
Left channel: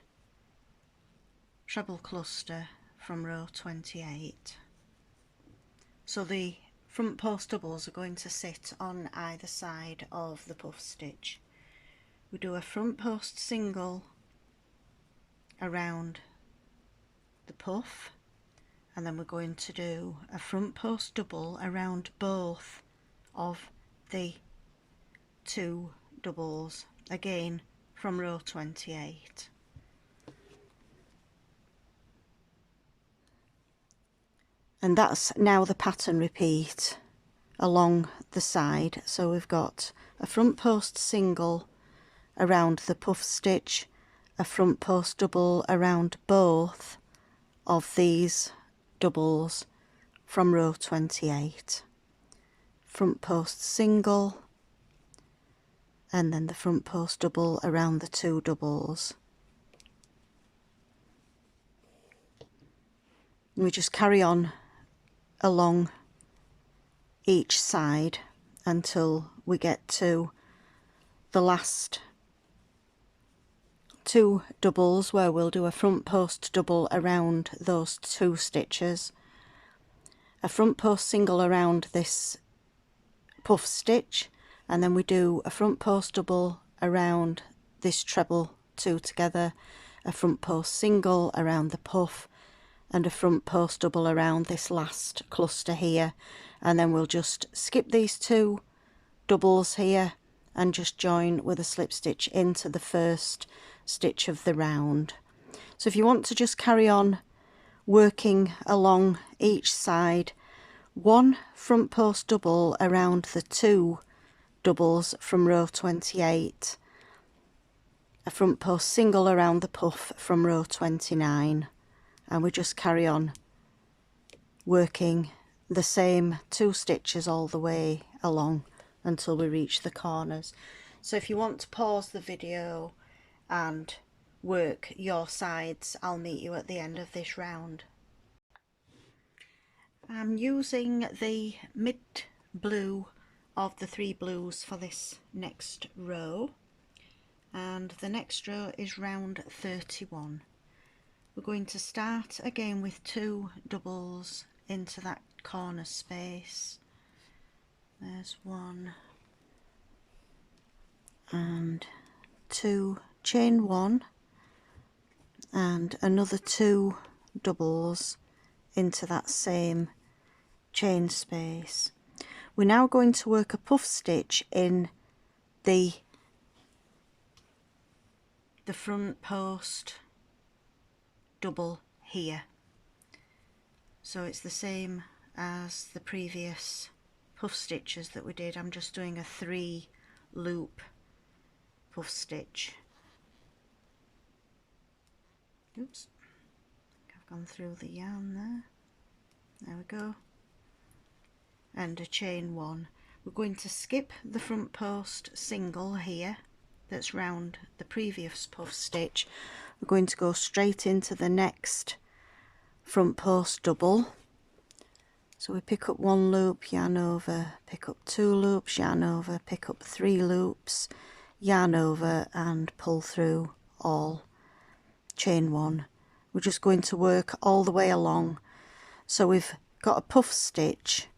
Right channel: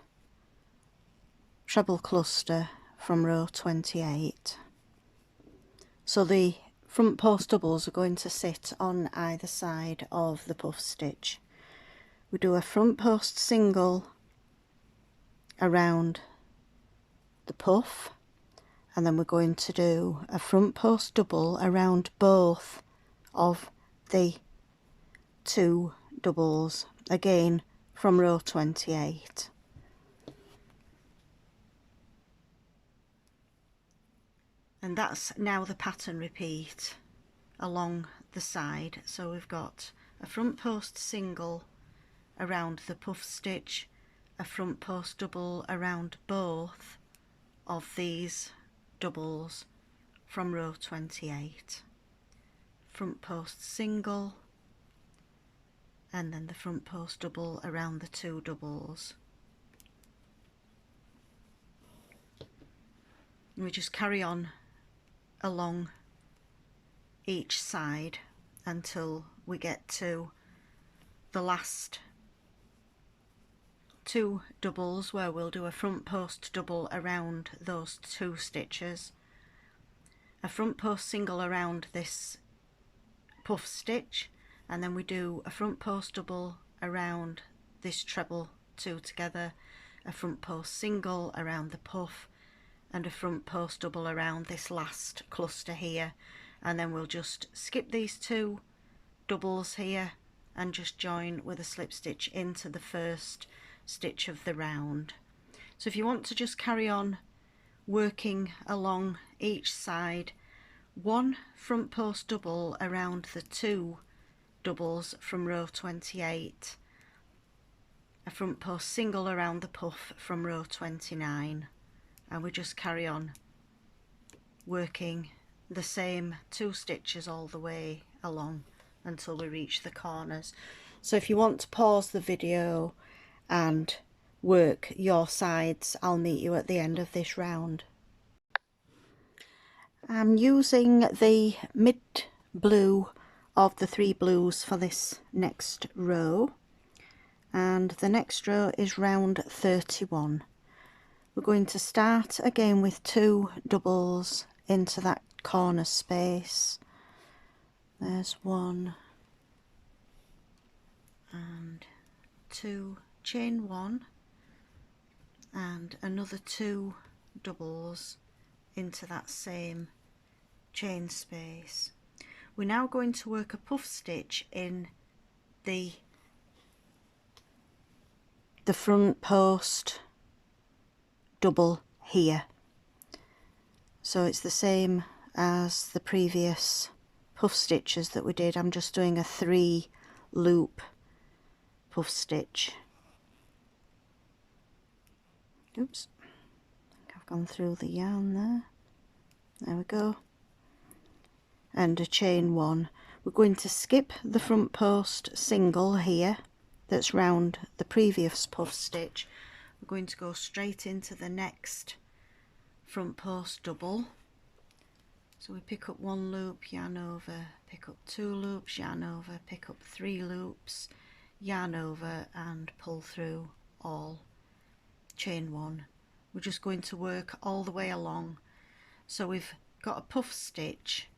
treble cluster from row 28. So the front post doubles are going to sit on either side of the puff stitch. We do a front post single around the puff, and then we're going to do a front post double around both of the 2 doubles, again from row 28. And that's now the pattern repeat along the side. So we've got a front post single around the puff stitch, a front post double around both of these doubles from row 28, front post single, and then the front post double around the 2 doubles. And we just carry on along each side until we get to the last 2 doubles, where we'll do a front post double around those 2 stitches, a front post single around this puff stitch, and then we do a front post double around this treble 2 together, a front post single around the puff, and a front post double around this last cluster here, and then we'll just skip these 2 doubles here and just join with a slip stitch into the first stitch of the round. So if you want to just carry on working along each side, 1 front post double around the 2 doubles from row 28, a front post single around the puff from row 29, and we just carry on working the same 2 stitches all the way along until we reach the corners. So if you want to pause the video and work your sides, I'll meet you at the end of this round. I'm using the mid blue of the 3 blues for this next row, and the next row is round 31. We're going to start again with 2 doubles into that corner space. There's 1 and 2, chain 1 and another 2 doubles into that same chain space. We're now going to work a puff stitch in the front post double here. So it's the same as the previous puff stitches that we did. I'm just doing a 3 loop puff stitch. Oops, I think I've gone through the yarn there. There we go. And a chain 1. We're going to skip the front post single here that's round the previous puff stitch. We're going to go straight into the next front post double. So we pick up 1 loop, yarn over, pick up 2 loops, yarn over, pick up 3 loops, yarn over, and pull through all, chain 1. We're just going to work all the way along. So we've got a puff stitch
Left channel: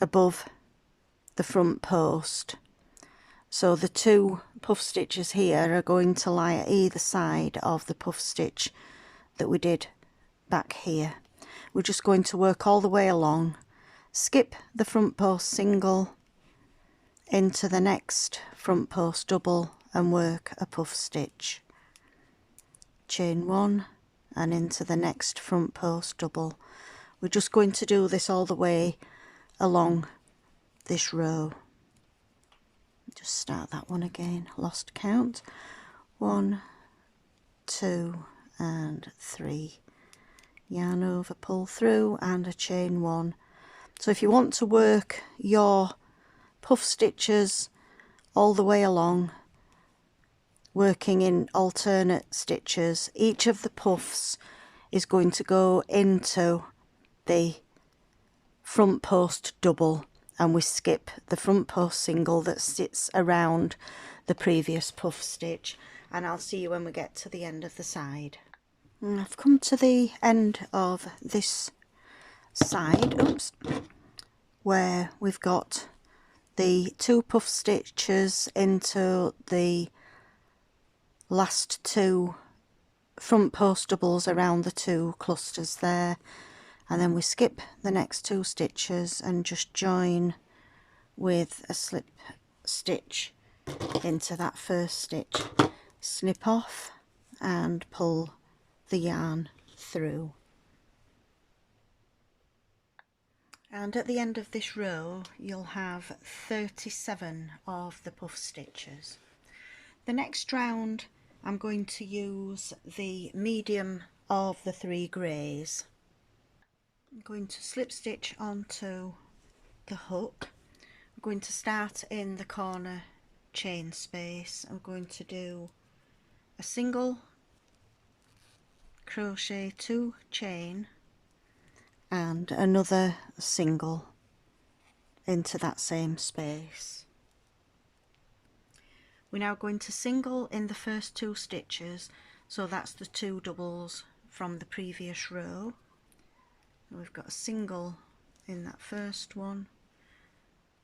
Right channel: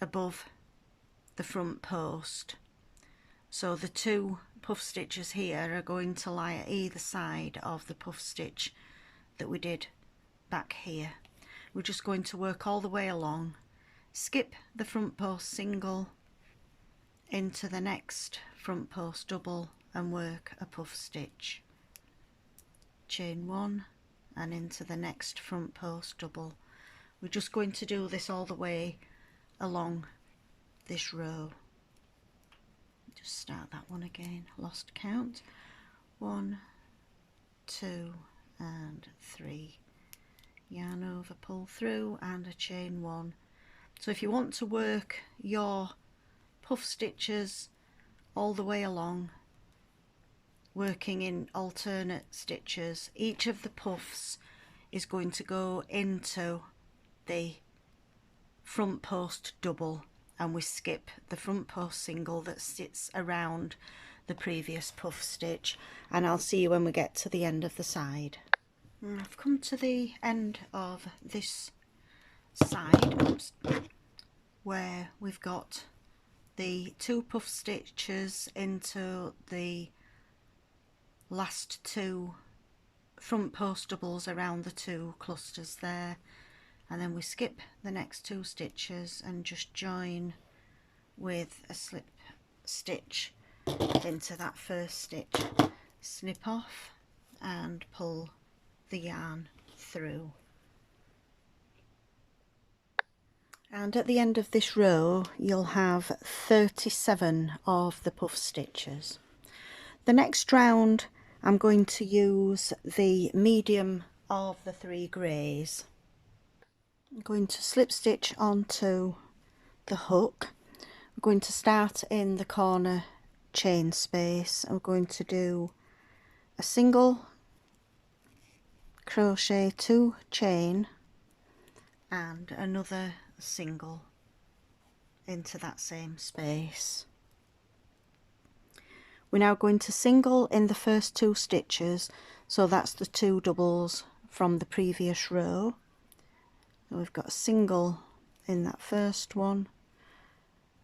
above the front post. So the 2 puff stitches here are going to lie at either side of the puff stitch that we did back here. we're just going to work all the way along, skip the front post single into the next front post double and work a puff stitch, chain 1 and into the next front post double. We're just going to do this all the way along this row. Just start that one again, lost count. 1, 2 and 3, yarn over, pull through and a chain 1. So if you want to work your puff stitches all the way along, working in alternate stitches, each of the puffs is going to go into the front post double, and we skip the front post single that sits around the previous puff stitch, and I'll see you when we get to the end of the side. And I've come to the end of this side, where we've got the 2 puff stitches into the last 2 front post doubles around the 2 clusters there, and then we skip the next 2 stitches and just join with a slip stitch into that first stitch, snip off and pull the yarn through. And at the end of this row you'll have 37 of the puff stitches. The next round I'm going to use the medium of the 3 greys. I'm going to slip stitch onto the hook. We're going to start in the corner chain space. I'm going to do a single crochet, 2 chain and another single into that same space. We're now going to single in the first 2 stitches, so that's the 2 doubles from the previous row. So we've got a single in that first one,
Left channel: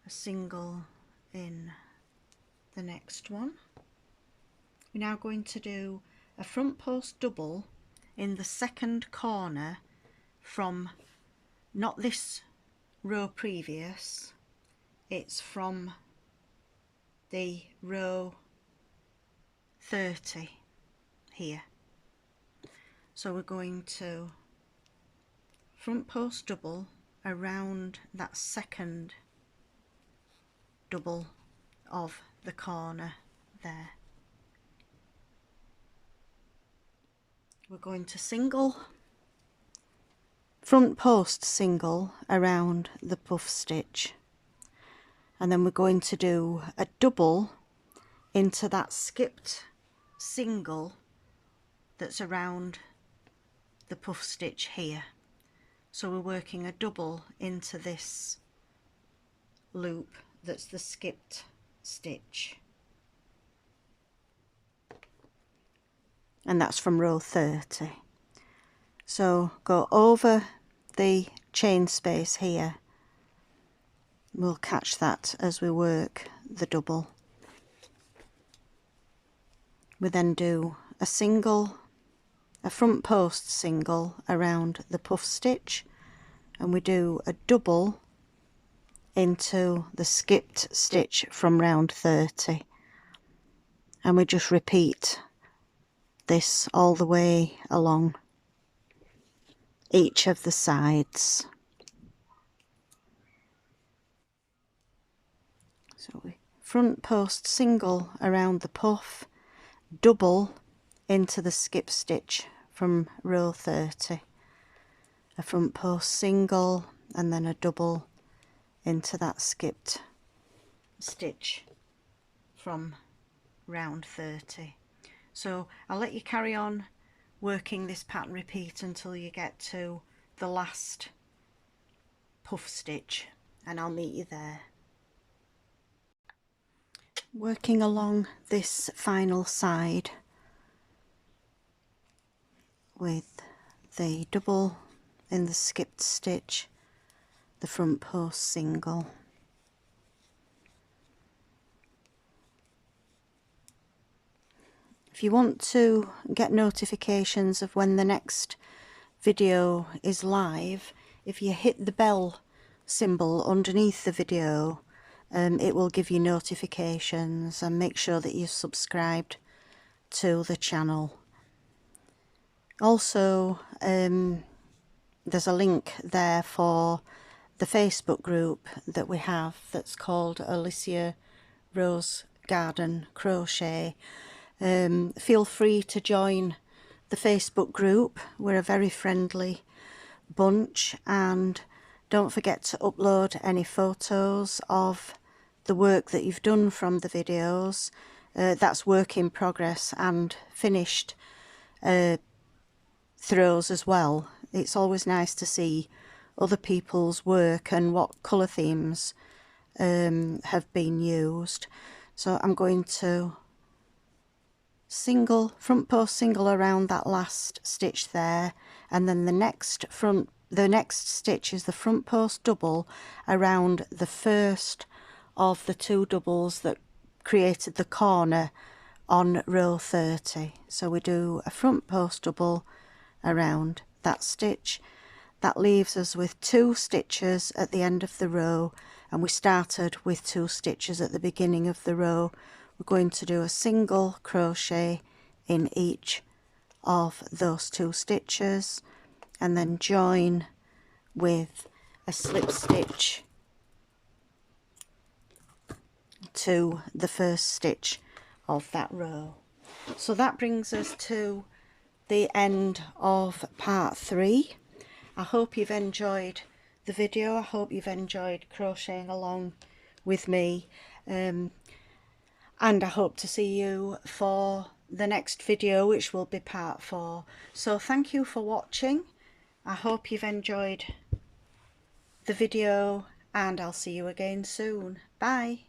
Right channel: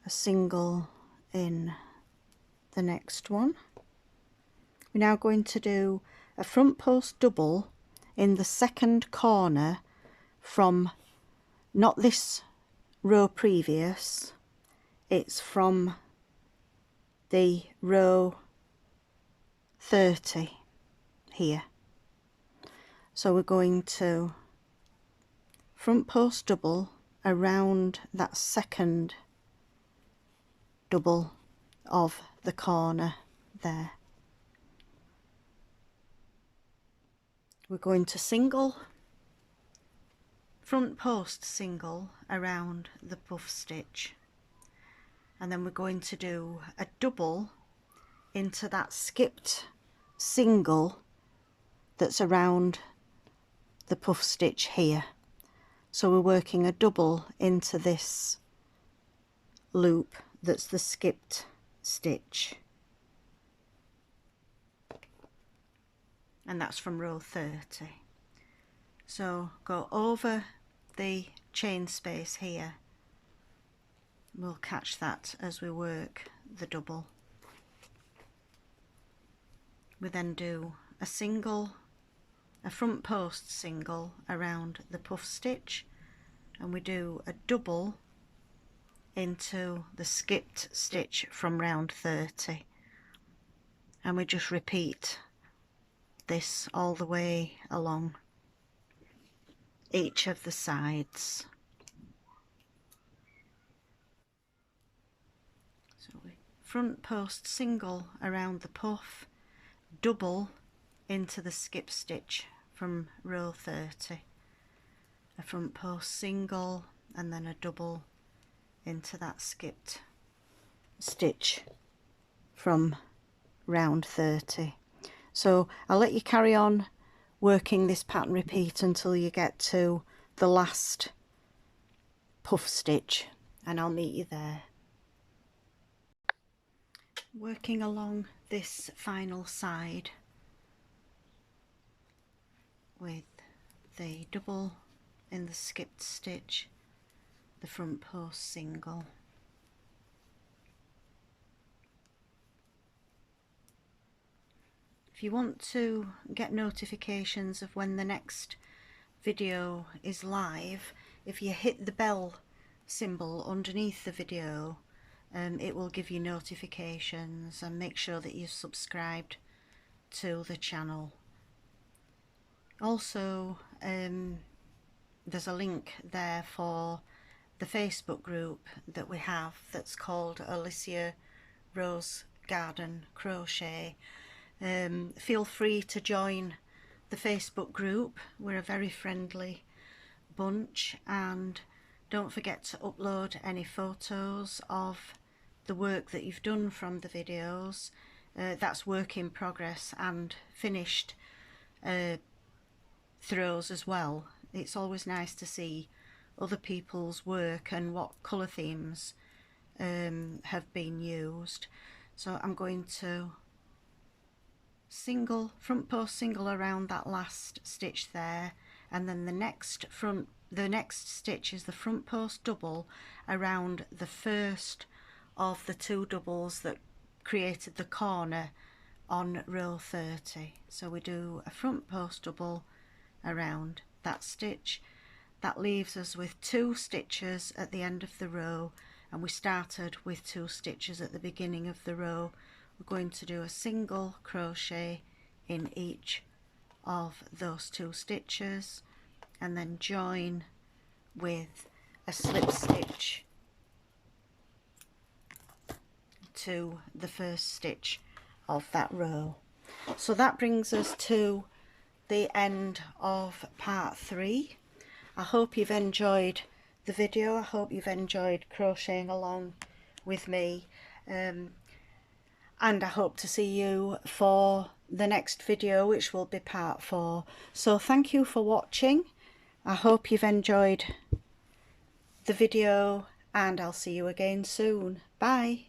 a single in the next one. We're now going to do a front post double in the second corner from not this row previous, it's from the row 30 here. So we're going to front post double around that second double of the corner there. We're going to single, front post single around the puff stitch, and then we're going to do a double into that skipped single that's around the puff stitch here. So we're working a double into this loop that's the skipped stitch, and that's from row 30. So go over the chain space here, we'll catch that as we work the double. We then do a single, a front post single around the puff stitch, and we do a double into the skipped stitch from round 30, and we just repeat this all the way along each of the sides. So we front post single around the puff, double into the skip stitch from row 30, a front post single and then a double into that skipped stitch from round 30. So I'll let you carry on working this pattern repeat until you get to the last puff stitch, and I'll meet you there. Working along this final side with the double in the skipped stitch, the front post single. If you want to get notifications of when the next video is live, if you hit the bell symbol underneath the video, it will give you notifications, and make sure that you're subscribed to the channel. Also, there's a link there for the Facebook group that we have that's called Alicia Rose Garden Crochet. Feel free to join the Facebook group. We're a very friendly bunch, and don't forget to upload any photos of the work that you've done from the videos. That's work in progress and finished throws as well. It's always nice to see other people's work and what colour themes have been used. So I'm going to front post single around that last stitch there, and then the next stitch is the front post double around the first of the 2 doubles that created the corner on row 30. So we do a front post double around that stitch. That leaves us with 2 stitches at the end of the row, and we started with 2 stitches at the beginning of the row. We're going to do a single crochet in each of those 2 stitches, and then join with a slip stitch to the first stitch of that row. So that brings us to the end of part 3. I hope you've enjoyed the video. I hope you've enjoyed crocheting along with me, and I hope to see you for the next video, which will be part 4. So thank you for watching. I hope you've enjoyed the video, and I'll see you again soon. Bye.